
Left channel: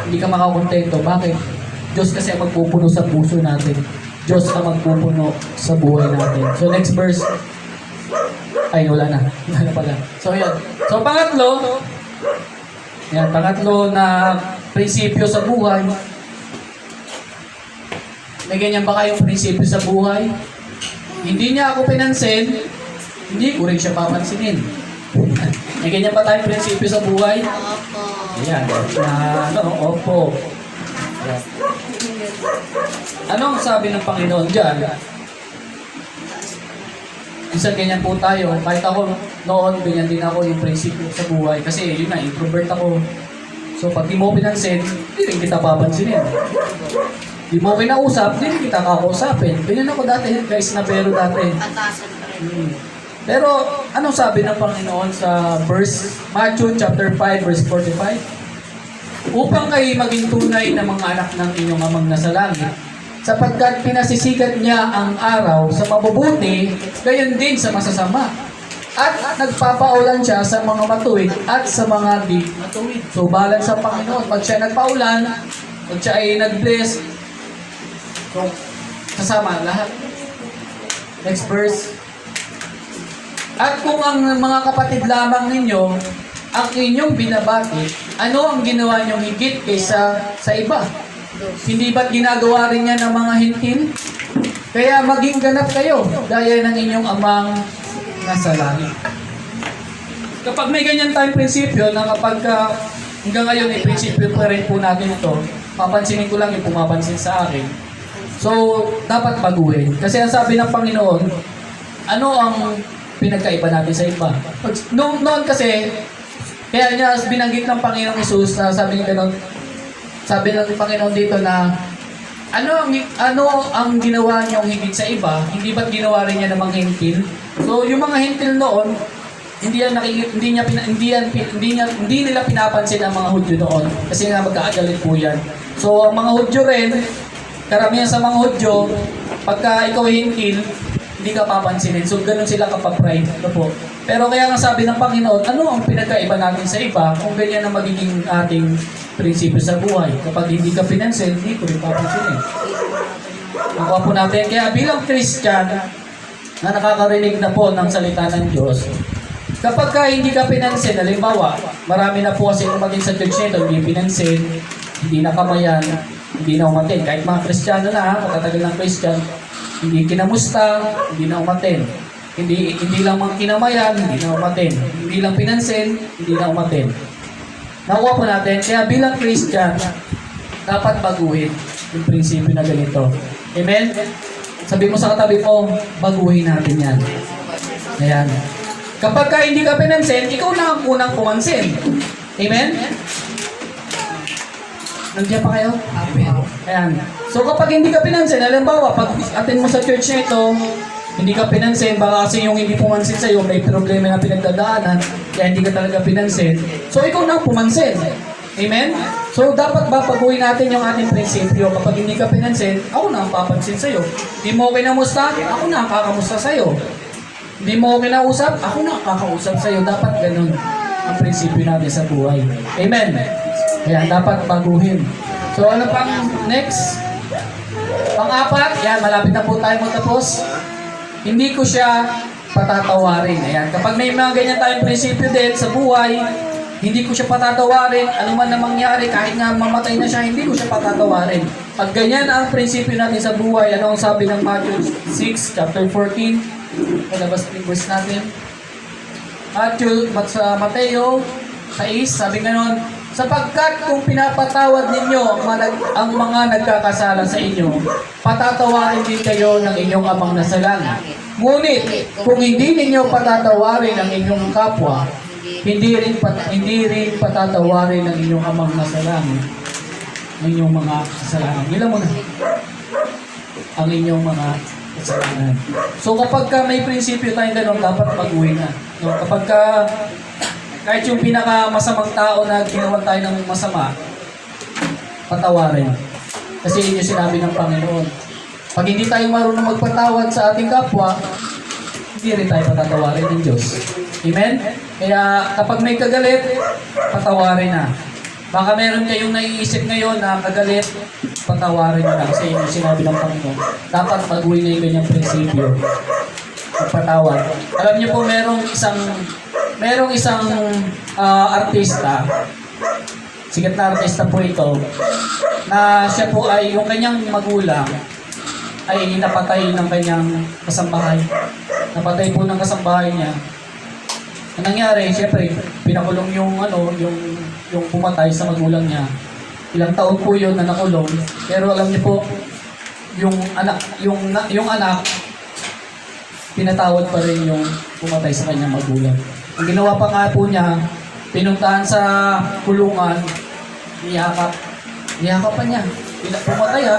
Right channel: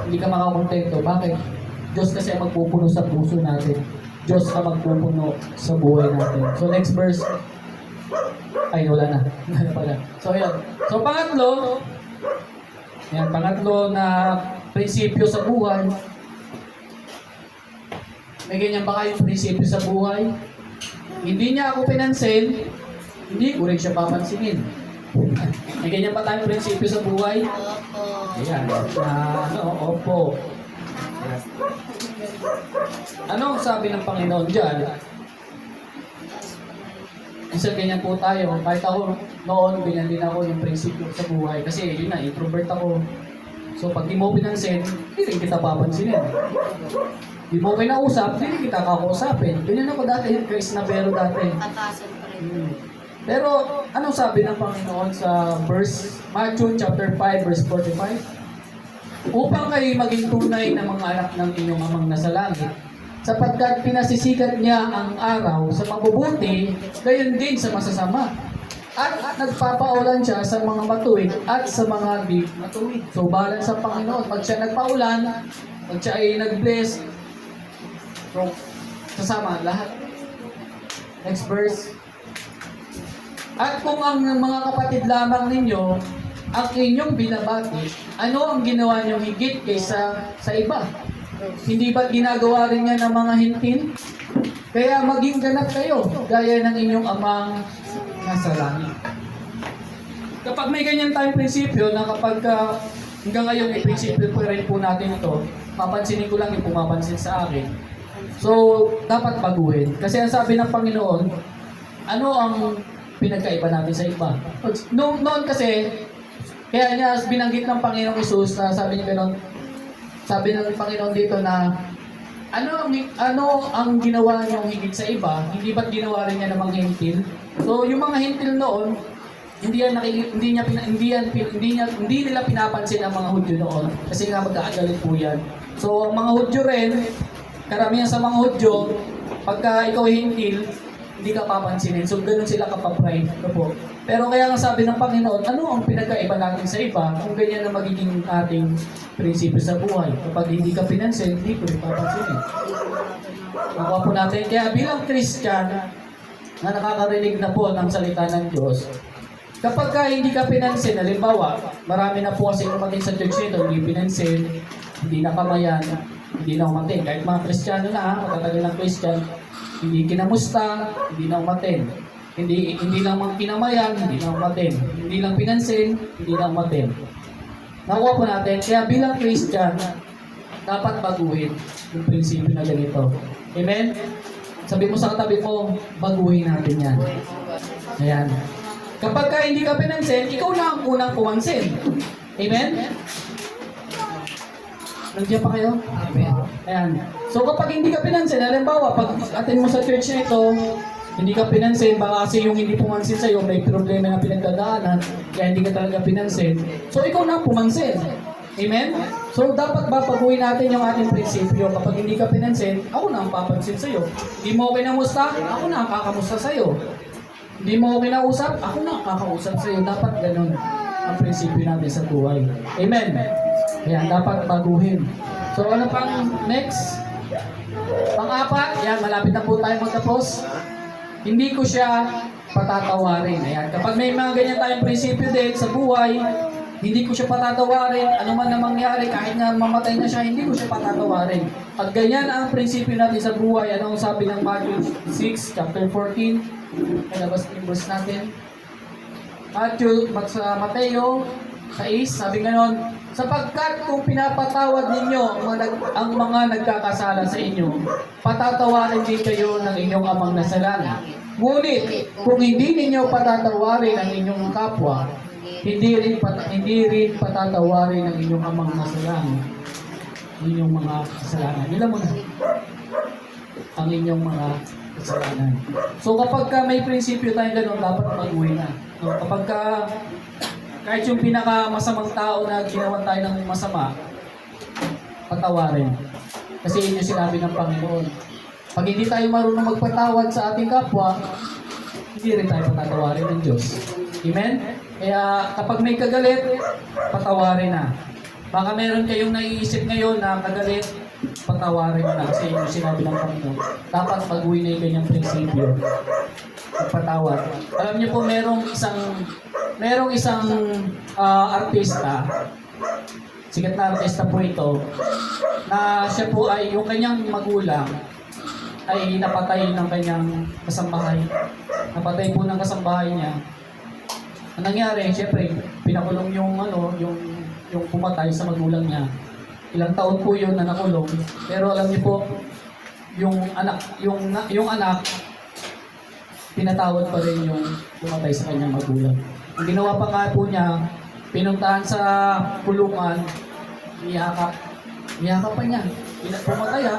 Hindi ka makakontento. Bakit? Diyos kasi ang magpupuno sa puso natin. Diyos ang magpupuno sa buhay natin. So next verse. Ay, wala na. Wala na pala. So yan. So pangatlo na prinsipyo sa buhay. May ganyan ba kayong prinsipyo sa buhay? Hindi niya ako pinansin, hindi ko rin siya papansinin. May ganyan ba tayong prinsipyo sa buhay? Opo. Ayan. Opo. Ayan. Anong sabi ng Panginoon dyan? Minsan ganyan po tayo. Kahit ako noon, ganyan din ako yung prinsipyo sa buhay. Kasi yun na, introvert ako. So pag di mo pinansin, hindi rin kita papansinin. Di mo kinausap, di rin kita kakausapin. Ganyan ako dati, guys, na pero dati. Atasan pa rin. Pero anong sabi ng Panginoon sa Matthew chapter 5 verse 45? Upang kayo maging tunay na mga anak ng inyong amang nasa langit, sapagkat pinasisikat niya ang araw sa mabubuti, gayon din sa masasama. At nagpapaulan siya sa mga matuwid at sa mga di matuwid. So balance sa Panginoon. Pag siya nagpaulan, pag siya ay nag-bless, So, sasama lahat. Next verse. At kung ang mga kapatid lamang ninyo ang inyong binabati, ano ang ginawa niyong higit kaysa sa iba? Hindi ba't ginagawa rin niya ng mga hintil? Kaya maging ganap kayo, gaya ng inyong amang nasa langit. Kapag may ganyan tayong prinsipyo, na kapag hanggang ngayon ay prinsipyo pa rin po natin ito, papansinin ko lang yung pumapansin sa akin. So, dapat baguhin. Kasi ang sabi ng Panginoon, ano ang pinagkaiba natin sa iba? Noon kasi, kaya niya binanggit ng Panginoong Hesus na sabi niya gano'n, sabi ng Panginoon dito na, ano ang ginawa niyong higit sa iba? Hindi ba't ginawa rin niya ng mga hintil? So, yung mga hintil noon, hindi nila pinapansin ang mga Hudyo noon kasi nga magkakagalit po yan. So, ang mga Hudyo rin, karamihan sa mga Hudyo, pagka ikaw ay hintil, hindi ka papansinin. So, ganun sila kapapride. Ano po? Pero kaya nga sabi ng Panginoon, ano ang pinagkaiba natin sa iba kung ganyan ang magiging ating prinsipyo sa buhay? Kapag hindi ka pinansin, hindi ko rin papansinin. Nakuha po natin. Kaya bilang Christian, na nakakarinig na po ng salita ng Diyos, kapag ka hindi ka pinansin, halimbawa, marami na po kasi umatin sa church nito, hindi pinansin, hindi nakamayan, hindi na umatin. Kahit mga Kristiyano na, matatagal ng Christian, hindi kinamusta, hindi na umatin. Hindi lang mga kinamayan, hindi na umatin. Hindi lang pinansin, hindi na umatin. Nakuha po natin, kaya bilang Christian, dapat baguhin yung prinsipyo na ganito. Amen? Sabi mo sa katabi ko, baguhin natin yan. Ayan. Kapag ka hindi ka pinansin, ikaw na ang unang pumansin. Amen? Nandiyan pa kayo? Ayan. So kapag hindi ka pinansin, halimbawa, pag atin mo sa church na ito, hindi ka pinansin, baka kasi yung hindi pumansin sa'yo, may problema na pinagdadaanan, kaya hindi ka talaga pinansin. So ikaw na ang pumansin. Amen? So dapat babaguhin natin yung ating prinsipyo. Kapag hindi ka pinansin, ako na ang papansin sa'yo. Hindi mo okay na musta, ako na ang kakamusta sa'yo. Hindi mo okay na usap, ako na ang kakausap sa'yo. Dapat ganun ang prinsipyo natin sa buhay. Amen? Kaya dapat baguhin. So ano pang next? Pang-apat, yan, malapit na po tayo magtapos. Hindi ko siya patatawarin. Ayan, kapag may mga ganyan tayong prinsipyo din sa buhay, hindi ko siya patatawarin, ano man na mangyari, kahit nga mamatay na siya, hindi ko siya patatawarin. Pag ganyan ang prinsipyo natin sa buhay, ano ang sabi ng Matthew 6, chapter 14, palabas yung verse natin. Sa Mateo 6, sabi ganon, sapagkat kung pinapatawad ninyo ang mga nagkakasala sa inyo, patatawarin din kayo ng inyong amang nasa langit. Ngunit, kung hindi ninyo patatawarin ang inyong kapwa, hindi rin patatawarin ang inyong amang nasa langit ang inyong mga kasalanan. Ilan mo na? Ang inyong mga kasalanan. So kapag ka may prinsipyo tayong ganun, dapat baguhin na. No? Kapag ka kahit yung pinakamasamang tao na ginawa tayo ng masama, patawarin. Kasi yun yung sinabi ng Panginoon. Pag hindi tayo marunong magpatawad sa ating kapwa, hindi rin tayo patatawarin ng Diyos. Amen? Kaya kapag may kagalit, patawarin na. Baka meron kayong naiisip ngayon na kagalit, patawarin na. Kasi yun yung sinabi ng Panginoon. Dapat baguhin na yung ganyang prinsipyo. Magpatawad. Alam niyo po, merong isang artista, sikat na artista po ito, na siya po ay, yung kanyang magulang, ay napatay ng kanyang kasambahay. Napatay po ng kasambahay niya. Ang nangyari, syempre, pinakulong yung pumatay sa magulang niya. Ilang taon po yun na nakulong. Pero alam niyo po, yung anak, pinatawad pa rin yung pumatay sa kanyang magulang. Ang ginawa pa nga po niya, pinuntahan sa kulungan, niyakap pa niya.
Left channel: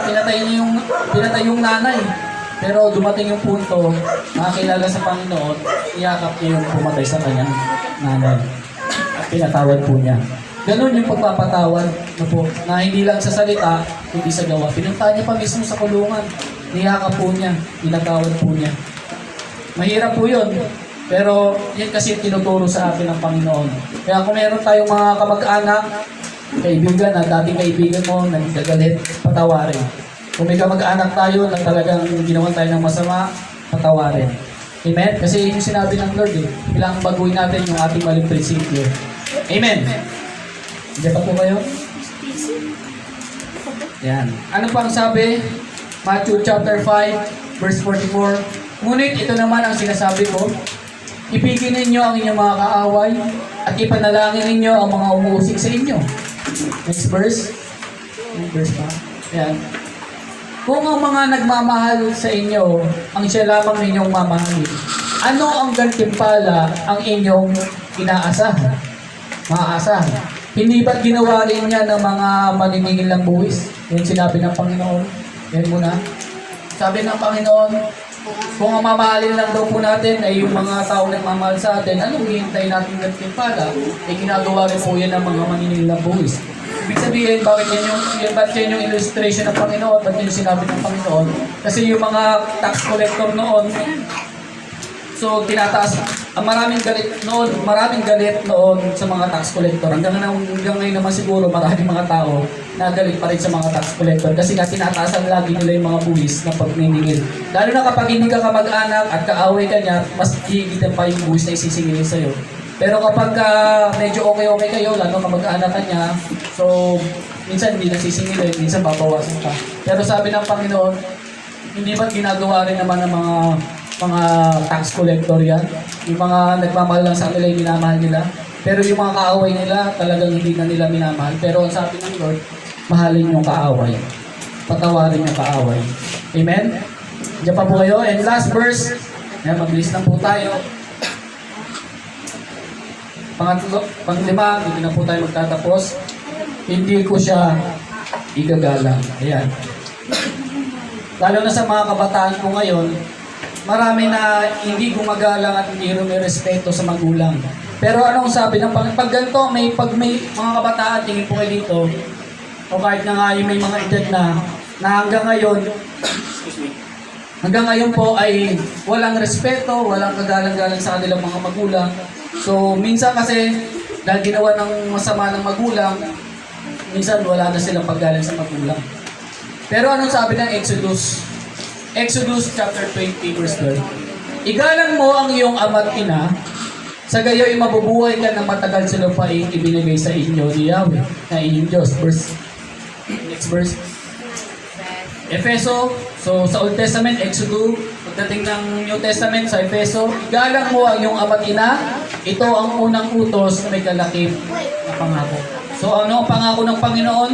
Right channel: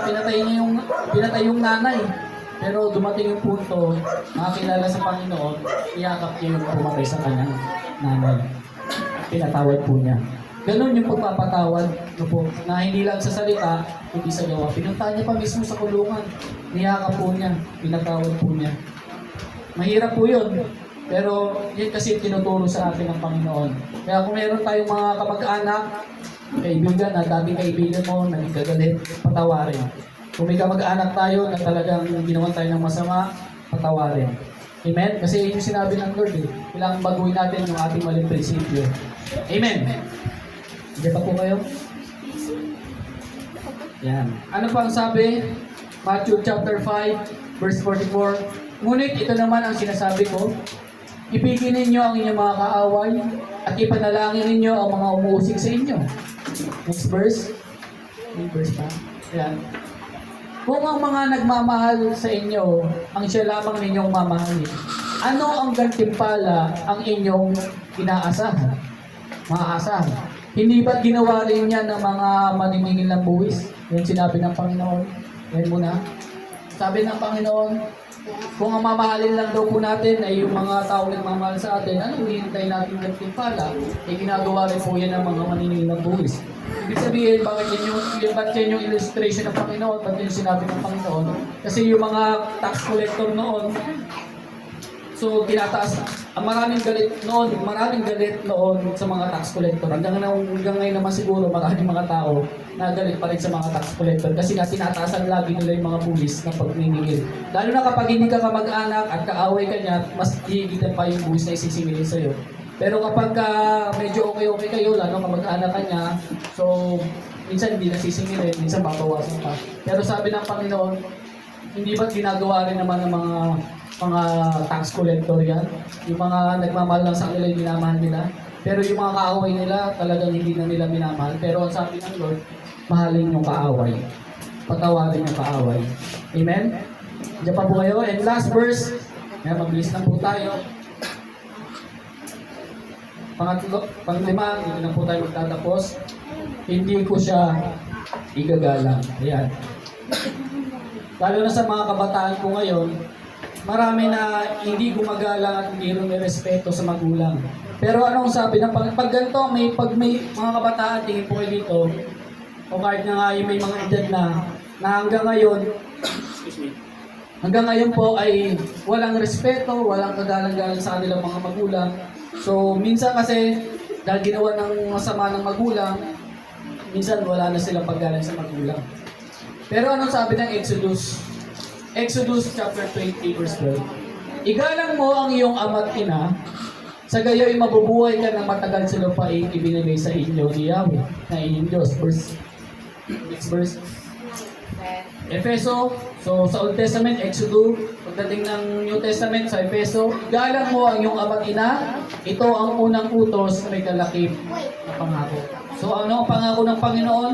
Pinatay yung nanay. Pero dumating yung punto, nakakilala sa Panginoon, niyakap niya yung pumatay sa kanyang nanay. At pinatawad po niya. Ganun yung pagpapatawad na hindi lang sa salita, kundi sa gawa. Pinuntahan niya pa mismo sa kulungan, niyakap po niya, pinatawad po niya. Mahirap po yun. Pero yun kasi tinuturo sa atin ng Panginoon. Kaya kung meron tayong mga kamag-anak, kaibigan at dating kaibigan mo, nagkagalit, patawarin. Kung may kamag-anak tayo na talagang ginawa tayo ng masama, patawarin. Amen? Kasi yun yung sinabi ng Lord eh. Kailangan baguhin natin yung ating maling prinsipyo. Amen? Hindi pa po kayo? Yan. Ano pa ang sabi? Matthew chapter 5, verse 44. Ngunit ito naman ang sinasabi ko, ibigin ninyo ang inyong mga kaaway at ipanalangin ninyo ang mga umuusig sa inyo. Next verse. Next verse pa. Yan. Kung ang mga nagmamahal sa inyo, ang siya lamang ninyong mamahalin, ano ang gantimpala ang inyong inaasahan? Maaasahan. Hindi ba't ginawa rin niya ng mga maniningil ng buwis? Yan sinabi ng Panginoon. Yan muna. Sabi ng Panginoon, kung ang mamahalin lang daw po natin ay yung mga tao nagmamahal sa atin, anong hihintay natin gantimpala? Ay ginagawa rin po yan ng mga maniningil ng buwis. Ibig sabihin, bakit yan yung illustration ng Panginoon? Ba't yung sinabi ng Panginoon? Kasi yung mga tax collector noon, so tinataas, maraming galit noon sa mga tax collector. Hanggang ngayon naman siguro maraming mga tao na galit pa rin sa mga tax collector kasi nga tinataasan lagi nila yung mga buwis ng pagniningil. Lalo na kapag hindi ka kamag-anak at kaaway ka niya, mas higitan pa yung buwis na isisingilin sa'yo. Pero kapag medyo okay kayo, lalo kamag-anak ka niya, so minsan hindi nasisingilin, minsan babawasan pa. Pero sabi ng Panginoon, hindi ba't ginagawa rin naman ng mga tax collector yan? Yung mga nagmamahal lang sa kanila, yung minamahal nila. Pero yung mga kaaway nila, talagang hindi na nila minamahal. Pero ang sabi ng Lord, mahalin yung kaaway. Patawarin yung kaaway. Amen? Diyan pa po kayo. And last verse, yan, mabilis na po tayo. Panglima, hindi na po tayo magtatapos. Hindi ko siya igagalang. Ayan. Lalo na sa mga kabataan ko ngayon, marami na hindi gumagalang at hindi respeto sa magulang. Pero anong sabi ng pag ganito, pag may mga kabataan, tingin po kayo dito, o kahit na nga yung may mga edad na hanggang ngayon po ay walang respeto, walang kagalang-galang sa kanilang mga magulang. So, minsan kasi, dahil ginawa ng masama ng magulang, minsan wala na silang paggalang sa magulang. Pero anong sabi ng Exodus? Exodus chapter 20 verse 12. Igalang mo ang iyong ama't ina, sa gayo'y mabubuhay ka ng matagal sa lupain ibinigay sa inyo ni Yahweh, na inyong Diyos. Next verse. Efeso, so sa Old Testament, Exodus, pagdating ng New Testament sa Efeso, igalang mo ang iyong ama't ina, ito ang unang utos na may kalakip na pangako. So ano ang pangako ng Panginoon?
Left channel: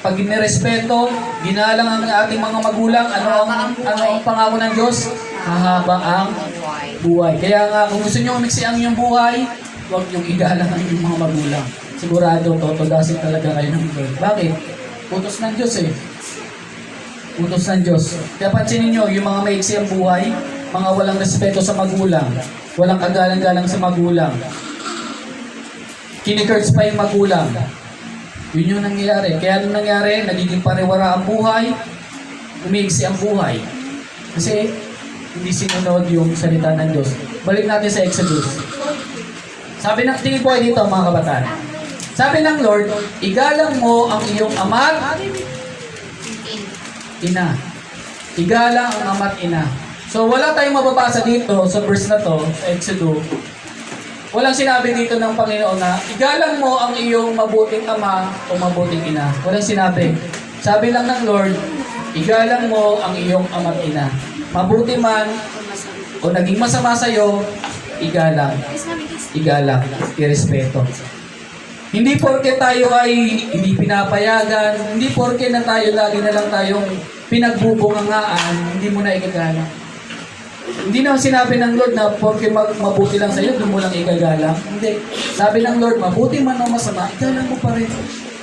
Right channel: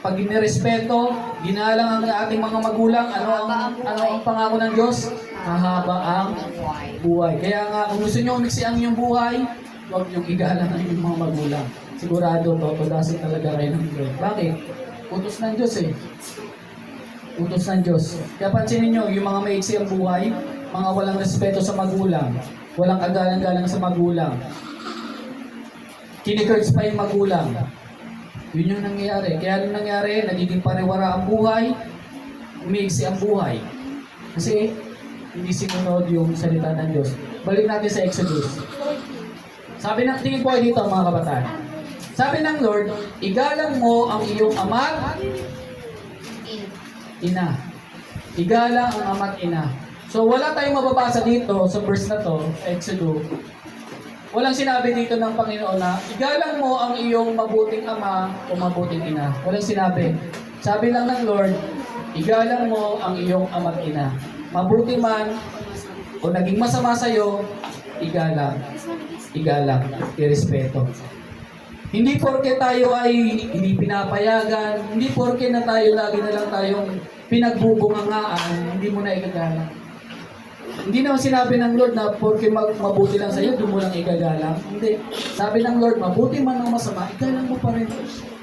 Pag inirespeto, ginalang ang ating mga magulang, ano ang pangako ng Diyos? Mahaba ang buhay. Kaya nga, kung gusto nyo umiksi ang inyong buhay, huwag nyo igalang ang inyong mga magulang. Sigurado, totodasin talaga kayo ng Lord. Bakit? Utos ng Diyos eh. Utos ng Diyos. Kaya pansinin nyo, yung mga maiksi ang buhay, mga walang respeto sa magulang, walang kagalang-galang sa magulang, kinikurts pa yung magulang. Yun yung nangyayari. Kaya nung nangyari, nagiging pariwara ang buhay, umiiksi ang buhay. Kasi hindi sinunod yung salita ng Diyos. Balik natin sa Exodus. Sabi ng tingin po ay dito mga kabataan. Sabi ng Lord, igalang mo ang iyong ama't ina. Igalang ang ama't ina. So wala tayong mababasa dito sa verse na to, sa Exodus. Walang sinabi dito ng Panginoon na igalang mo ang iyong mabuting ama o mabuting ina. Walang sinabi. Sabi lang ng Lord, igalang mo ang iyong ama't ina. Mabuti man o naging masama sa iyo, igalang. Igalang. Irespeto. Hindi porke tayo ay hindi pinapayagan, hindi porke na tayo lagi na lang tayong pinagbubungangaan, hindi mo na igagalang. Hindi naman sinabi ng Lord na porke mabuti lang sa iyo, doon mo lang igagalang. Hindi. Sabi ng Lord, mabuti man o masama, igalang mo pa rin.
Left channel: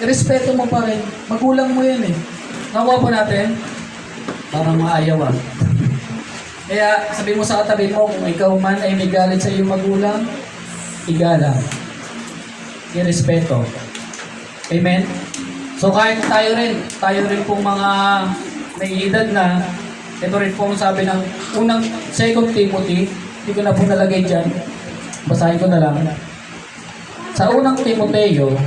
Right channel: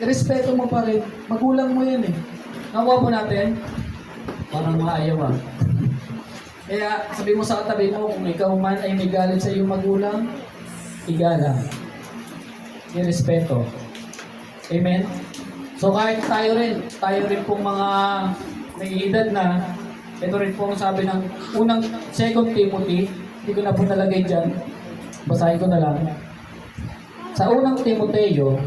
Respeto mo pa rin. Magulang mo yan eh. Nakuha po natin? Parang maayaw ah. Kaya sabi mo sa katabi mo, kung ikaw man ay may galit sa iyong magulang, igalang. Irespeto. Amen? So kahit tayo rin pong mga may edad na, ito rin po ang sabi ng unang 2 Timothy, hindi ko na po nalagay dyan, basahin ko na lang. Sa unang Timoteo,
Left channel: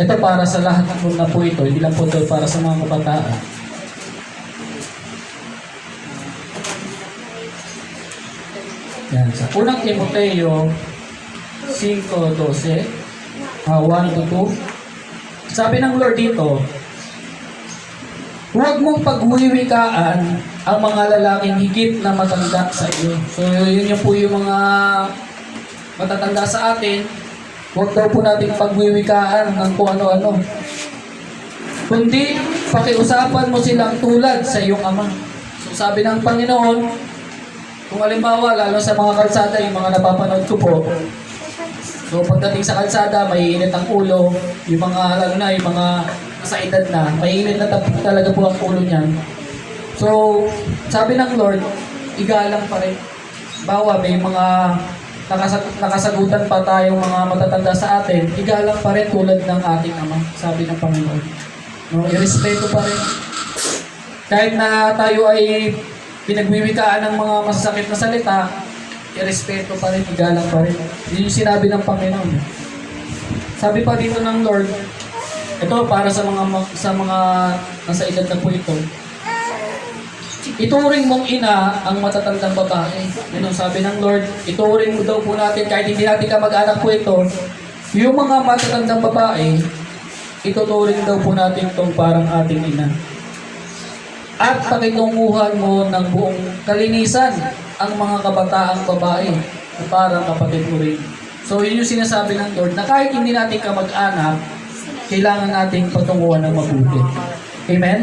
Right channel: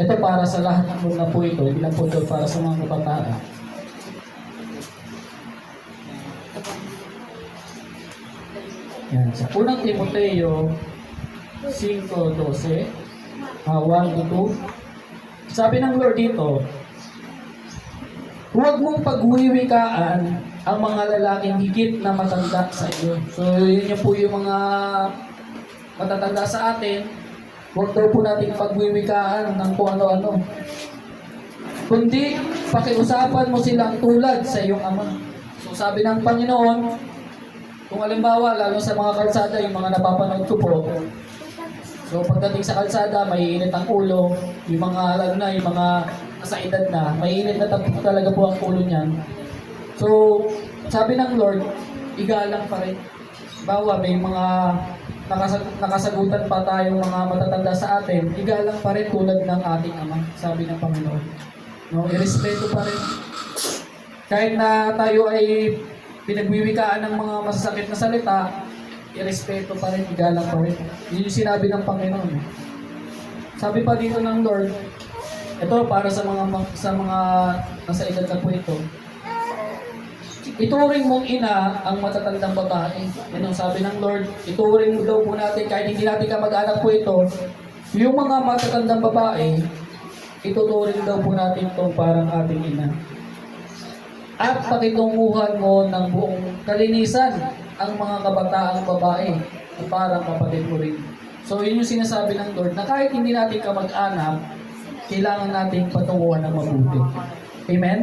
Ito para sa lahat na po ito, hindi lang po ito para sa mga kabataan. Yan, sa unang Timoteo 5:12, 1-2. Sabi ng Lord dito, huwag mong pagwiwikaan ang mga lalaking higit na matanda sa iyo. So, yun yung po yung mga matatanda sa atin. Huwag daw po natin pagwiwikaan ng kung ano-ano. Kundi, pakiusapan mo silang tulad sa iyong ama. So, sabi ng Panginoon, kung halimbawa, lalo sa mga kalsada, yung mga napapanood ko po, so pagdating sa kalsada, may init ang ulo, yung mga, lalo na, yung mga nasa edad na, may init na talaga po ang ulo niyan. So, sabi ng Lord, igalang pa rin. Bawa, may mga nakasagutan pa tayong mga matatanda sa atin, igalang pa rin tulad ng ating ama, sabi ng Panginoon. No, irespeto pa rin. Kahit na tayo ay pinagwiwikaan ng mga masasakit na salita, irespeto pa rin, igalang pa rin. Yun yung sinabi ng Panginoon. Sabi pa dito ng Lord, ito para sa mga nasa edad na po ito. Ituring mong ina ang matatandang babae. Yan ang sabi ng Lord, ituring mo daw po natin, kahit hindi natin kamag-anak po ito, yung mga matatandang babae, ituturing daw po natin itong parang ating ina. At pakitunguhan mo ng buong kalinisan ang mga kabataang babae na parang kapatid mo rin. So yun yung sinasabi ng Lord na kahit hindi natin kamag-anak, kailangan nating patunguhan ng mabuti. Amen?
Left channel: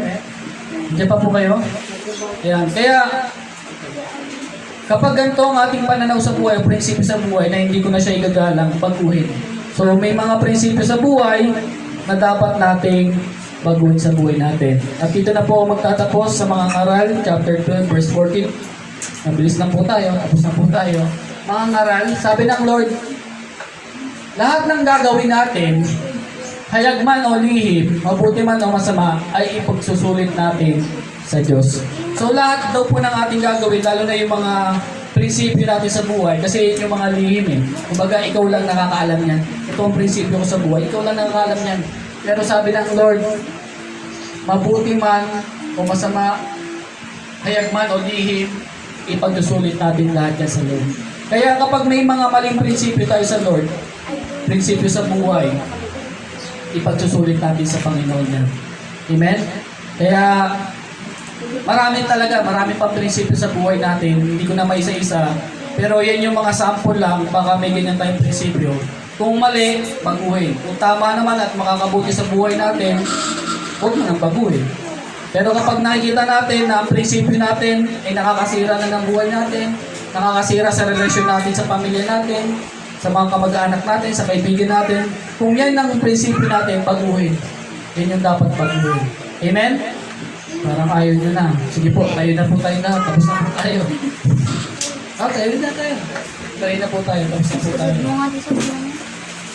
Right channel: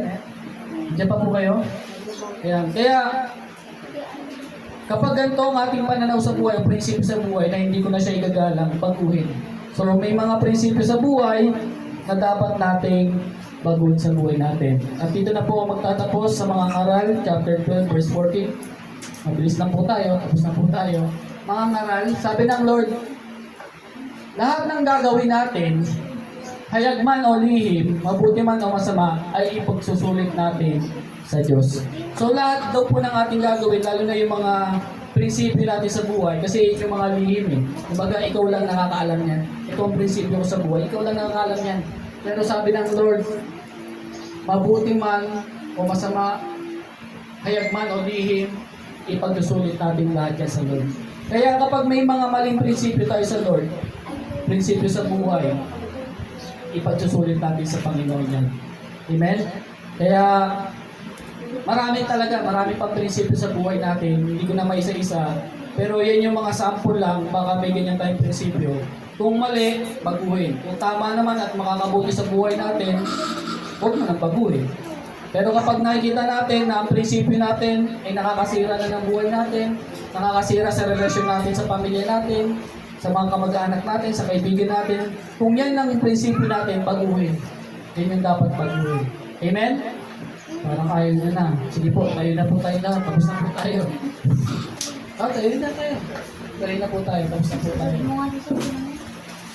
Diyan pa po kayo? Ayan. Kaya, kapag ganito ang ating pananaw sa buhay, prinsipyo sa buhay na hindi ko na siya igagalang, baguhin. So may mga prinsipyo sa buhay na dapat nating baguhin sa buhay natin. At dito na po ako magtatapos sa mga ngaral, chapter 12, verse 14. Mabilis na po tayo, tapos na po tayo. Mga ngaral, sabi ng Lord, lahat ng gagawin natin, hayag man o lihim, mabuti man o masama, ay ipagsusulit natin sa Diyos. So lahat daw po ng ating gagawin, lalo na yung mga prinsipyo natin sa buhay, kasi yung mga lihim eh. Kumbaga, ikaw lang nakakaalam yan. Ito ang prinsipyo ko sa buhay, ikaw lang nakakaalam yan. Pero sabi ng Lord, mabuti man o masama, hayag man o lihim, ipagsusulit natin lahat yan sa Lord. Kaya kapag may mga maling prinsipyo tayo sa Lord, prinsipyo sa buhay, ipagsusulit natin sa Panginoon yan. Amen? Kaya, marami pang prinsipyo sa buhay natin, hindi ko na maisa-isa, pero yan yung mga sample lang, baka may ganyan tayong prinsipyo. Kung mali, baguhin. Kung tama naman at makakabuti sa buhay natin, huwag mo nang baguhin. Pero kapag nakikita natin na ang prinsipyo natin ay nakakasira na ng buhay natin, nakakasira sa relasyon natin sa pamilya natin, sa mga kamag-anak natin, sa kaibigan natin, kung yan ang prinsipyo natin, baguhin. Yan yung dapat baguhin. Amen? Parang ayaw nyo na. Sige po, tayo na po tayo na. Tapos na po tayo. Tayo na tayo. Tayo na po tayo. Tapos na po tayo.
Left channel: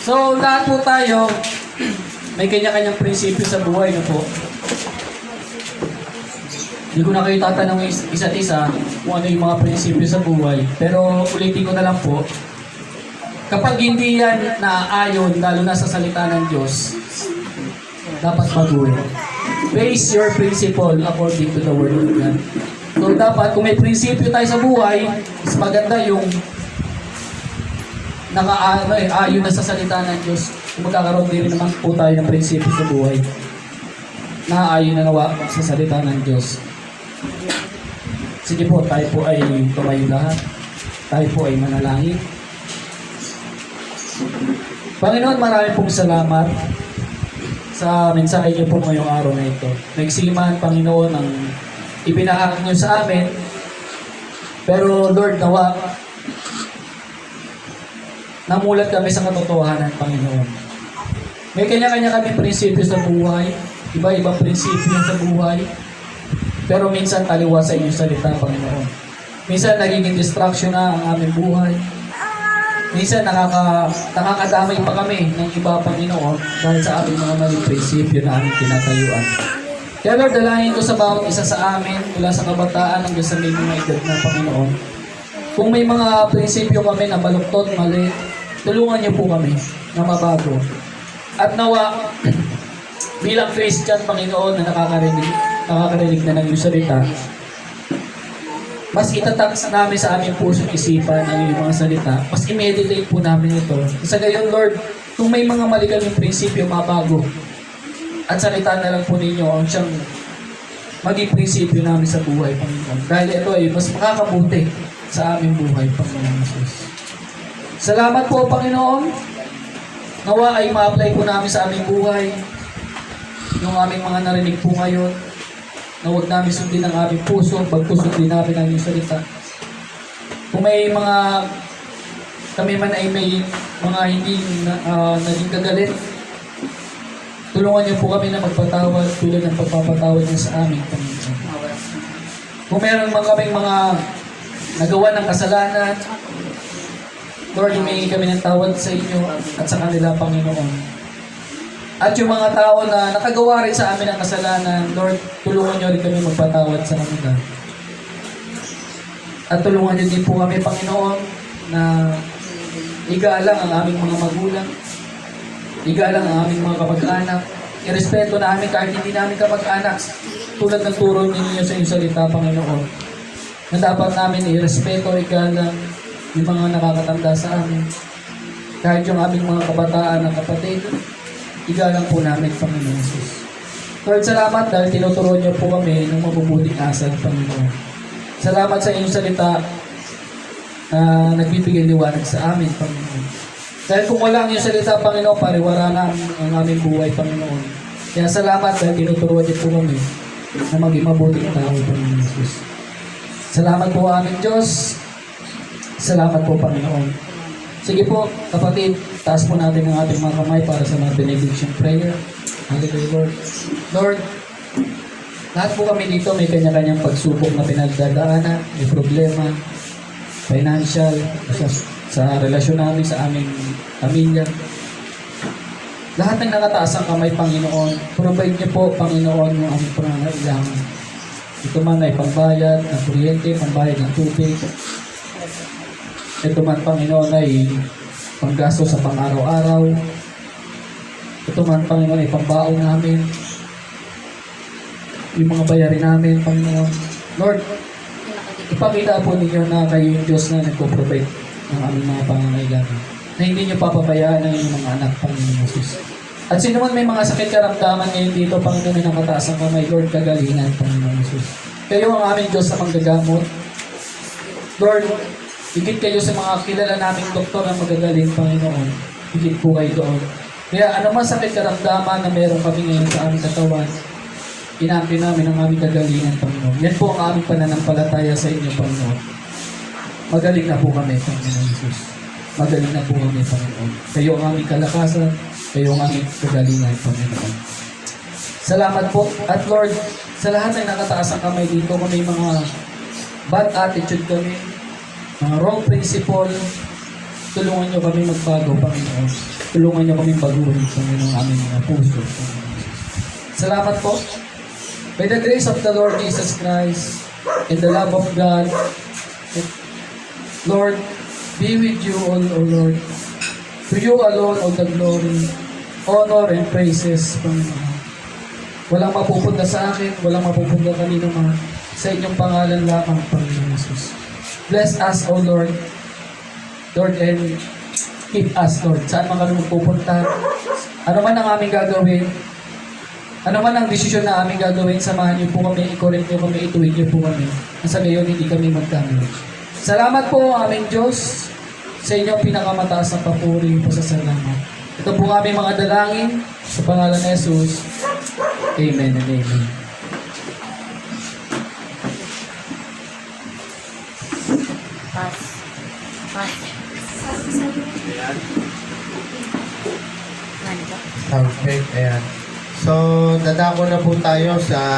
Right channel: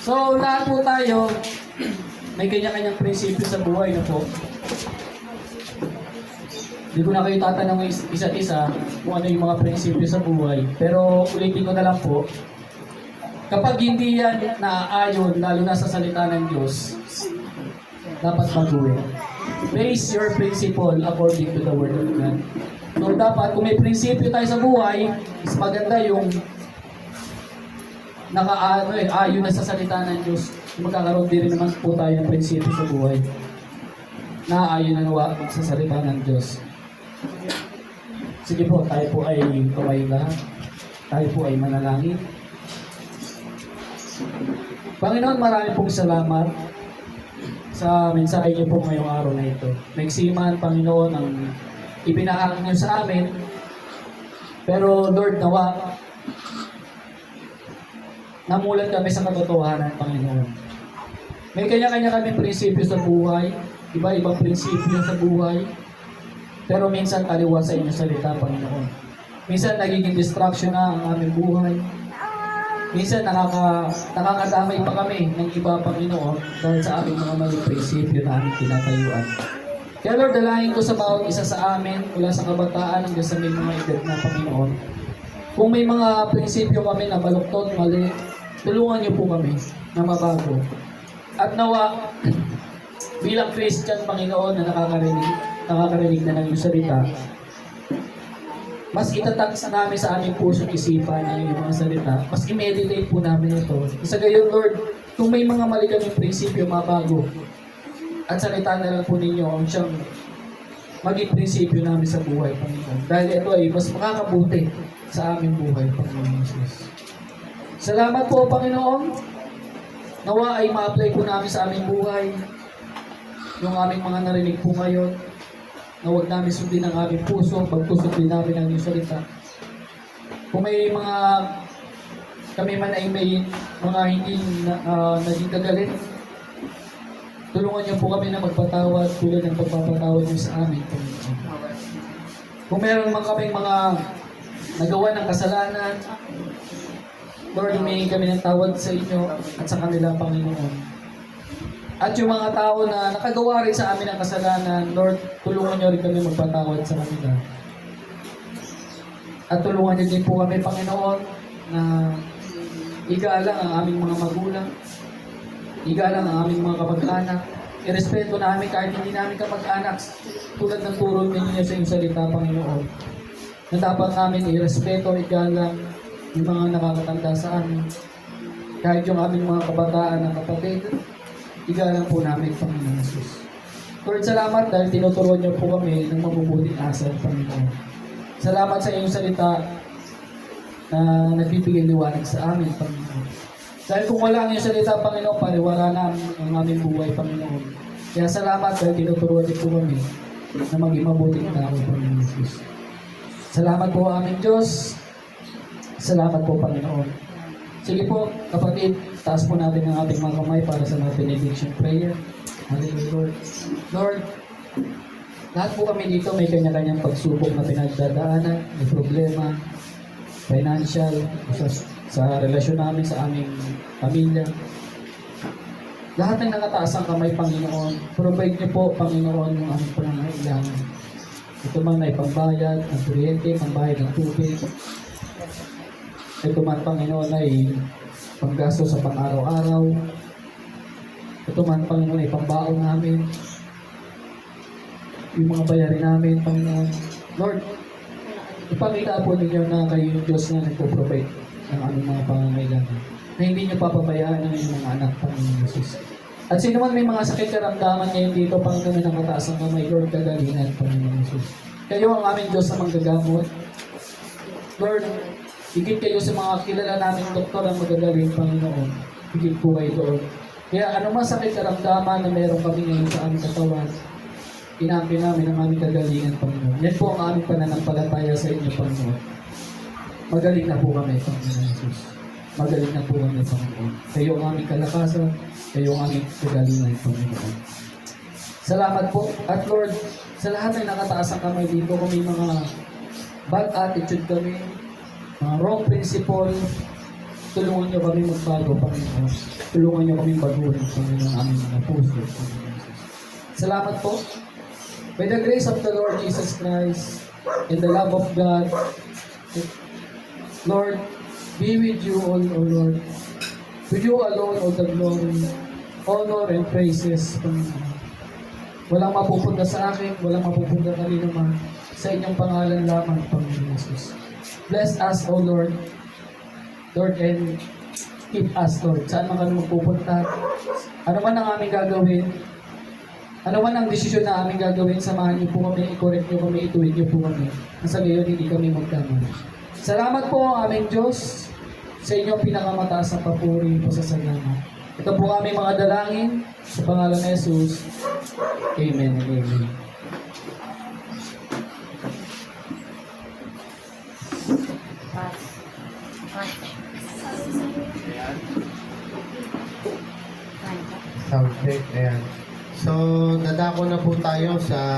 So, lahat po tayo, may kanya-kanyang prinsipyo sa buhay na po. Hindi ko na kayo tatanong isa't isa kung ano yung mga prinsipyo sa buhay. Pero ulitin ko na lang po, kapag hindi yan naayon, lalo na sa salita ng Diyos, dapat baguhin. Base your principle according to the Word of God. So dapat, kung may prinsipyo tayo sa buhay, mas maganda yung ayon na sa salita ng Diyos. Kung magkakaroon din naman po tayo ng prinsipyo sa buhay, nakaayon na nawa sa salita ng Diyos. Sige po, tayo po ay tumayo lahat. Tayo po ay manalangin. Panginoon, marami pong salamat sa mensahe niyo po ngayong araw na ito. Nagsiman, Panginoon, ang ibinahagi niyo sa amin. Pero Lord, nawa, namulat kami sa katotohanan, Panginoon. May kanya-kanya kami prinsipyo sa buhay, iba-ibang prinsipyo sa buhay, pero minsan taliwa sa inyong salita, Panginoon. Minsan nagiging distraction na ang aming buhay. Minsan nakakadamay pa kami ng iba, Panginoon, dahil sa aming mga maling prinsipyo na aming tinatayuan. Kaya Lord, dalangin ko sa bawat isa sa amin, mula sa kabataan hanggang sa may mga edad na, Panginoon. Kung may mga prinsipyo kami na baluktot, mali, tulungan niyo po kami na mabago. At nawa, bilang Christian, Panginoon, na nakakarinig na ng iyong salita, mas itatak namin sa aming puso at isipan ang iyong mga salita, mas i-meditate po namin ito. Sa gayon, Lord, kung may mga mali kaming prinsipyo mabago, at salita na lang po ninyo ang siyang maging prinsipyo namin sa buhay, Panginoon. Dahil ito ay mas makakabuti sa aming buhay, Panginoon Jesus. Salamat po, Panginoon. Nawa ay ma-apply po namin sa aming buhay nung aming mga narinig po ngayon, na huwag namin sundin ang aming puso, bagkus sundin namin ang iyong salita. Kung may mga kami man ay may mga hindi naging kagalit, tulungan niyo po kami na magpatawad tulad ng pagpapatawad niyo sa amin, Panginoon. Kung meron man kaming mga nagawa ng kasalanan, Lord, humingi kami ng tawad sa inyo at sa kanila, Panginoon. At yung mga tao na nakagawa rin sa amin ng kasalanan, Lord, tulungan niyo rin kami magpatawad sa kanila. At tulungan niyo din po kami, Panginoon, na igalang ang aming mga magulang, igalang ang aming mga kapag-anak, irespeto namin kahit hindi namin kapag-anak, tulad ng turo ninyo sa inyong salita, Panginoon, na dapat namin irespeto, igalang yung mga nakakatanda sa amin, kahit yung aming mga kabataan na kapatid, igalang po namin, Panginoon Jesus. Lord, salamat dahil tinuturuan niyo po kami ng mabubuting asal, Panginoon. Salamat sa inyong salita na nagbibigay liwanag sa amin, Panginoon. Dahil kung wala ang iyong salita, Panginoon, pariwara namin ang aming buhay, Panginoon. Kaya salamat dahil tinuturuan niyo po kami na maging mabuting tao, Panginoon Jesus. Salamat po aming Diyos. Salamat po, Panginoon. Sige po, kapatid, taas po natin ang ating mga kamay para sa mga benediction prayer. Hallelujah, Lord. Lord, lahat po kami dito may kanya-kanyang pagsubok na pinagdadaanan, may problema, financial, sa relasyon namin, sa aming pamilya. Lahat ng nakataas ang kamay, Panginoon, provide niyo po, Panginoon, yung aming pangangailangan. Ito man ay pambayad ng kuryente, pambayad ng tubig. Ito man, Panginoon, ay panggasto sa pang-araw-araw. Ito man, Panginoon, ay pambaon namin. Yung mga bayarin namin, Panginoon. Lord, ipakita po ninyo na kayo yung Diyos na nagpo-provide ng aming mga pangangailangan. Na hindi nyo papabayaan ang inyong mga anak, Panginoon Jesus. At sino man may mga sakit karamdaman ngayon dito, Panginoon, na nakataas ang kamay, Lord, kagalingan, Panginoon Jesus. Kayo ang aming Diyos na manggagamot. Lord, higit kayo sa mga kilala naming doktor ang magagaling, Panginoon. Higit po kayo doon. Kaya ano man sakit karamdaman na meron kami ngayon sa aming katawan, inampi namin ang aming kagalingan, Panginoon. Yan po ang aming pananampalataya sa inyo, Panginoon. Magaling na po kami, Panginoon Jesus. Magaling na po kami, Panginoon. Kayo ang aming kalakasan, kayo ang aming kagalingan, Panginoon. Salamat po. At Lord, sa lahat ng nakataas ang kamay dito, kung may mga bad attitude kami, mga wrong principle, tulungan niyo kami magbago, Panginoon. Tulungan niyo kami baguhin, Panginoon, ang aming mga puso, Panginoon. Salamat po. May the grace of the Lord Jesus Christ and the love of God, and Lord, be with you all, O Lord. To you alone all the glory, honor, and praises, Panginoon. Walang mapupunta sa akin, walang mapupunta kanino man. Sa inyong pangalan lamang, Panginoon Jesus. Bless us, O Lord. Lord, and keep us, Lord. Saan man kami magpupunta, ano man ang aming gagawin, ano man ang desisyon na aming gagawin, samahan niyo po kami, i-correct niyo kami, ituwid niyo po kami. Nasa gayon, hindi kami magkamali. Salamat po, aming Diyos, sa inyong pinakamataas na papuri po sa salamat. Ito po ang aming mga dalangin, sa pangalan ni Jesus. Amen and amen. Perfect. Ayan. So, dadako na po tayo sa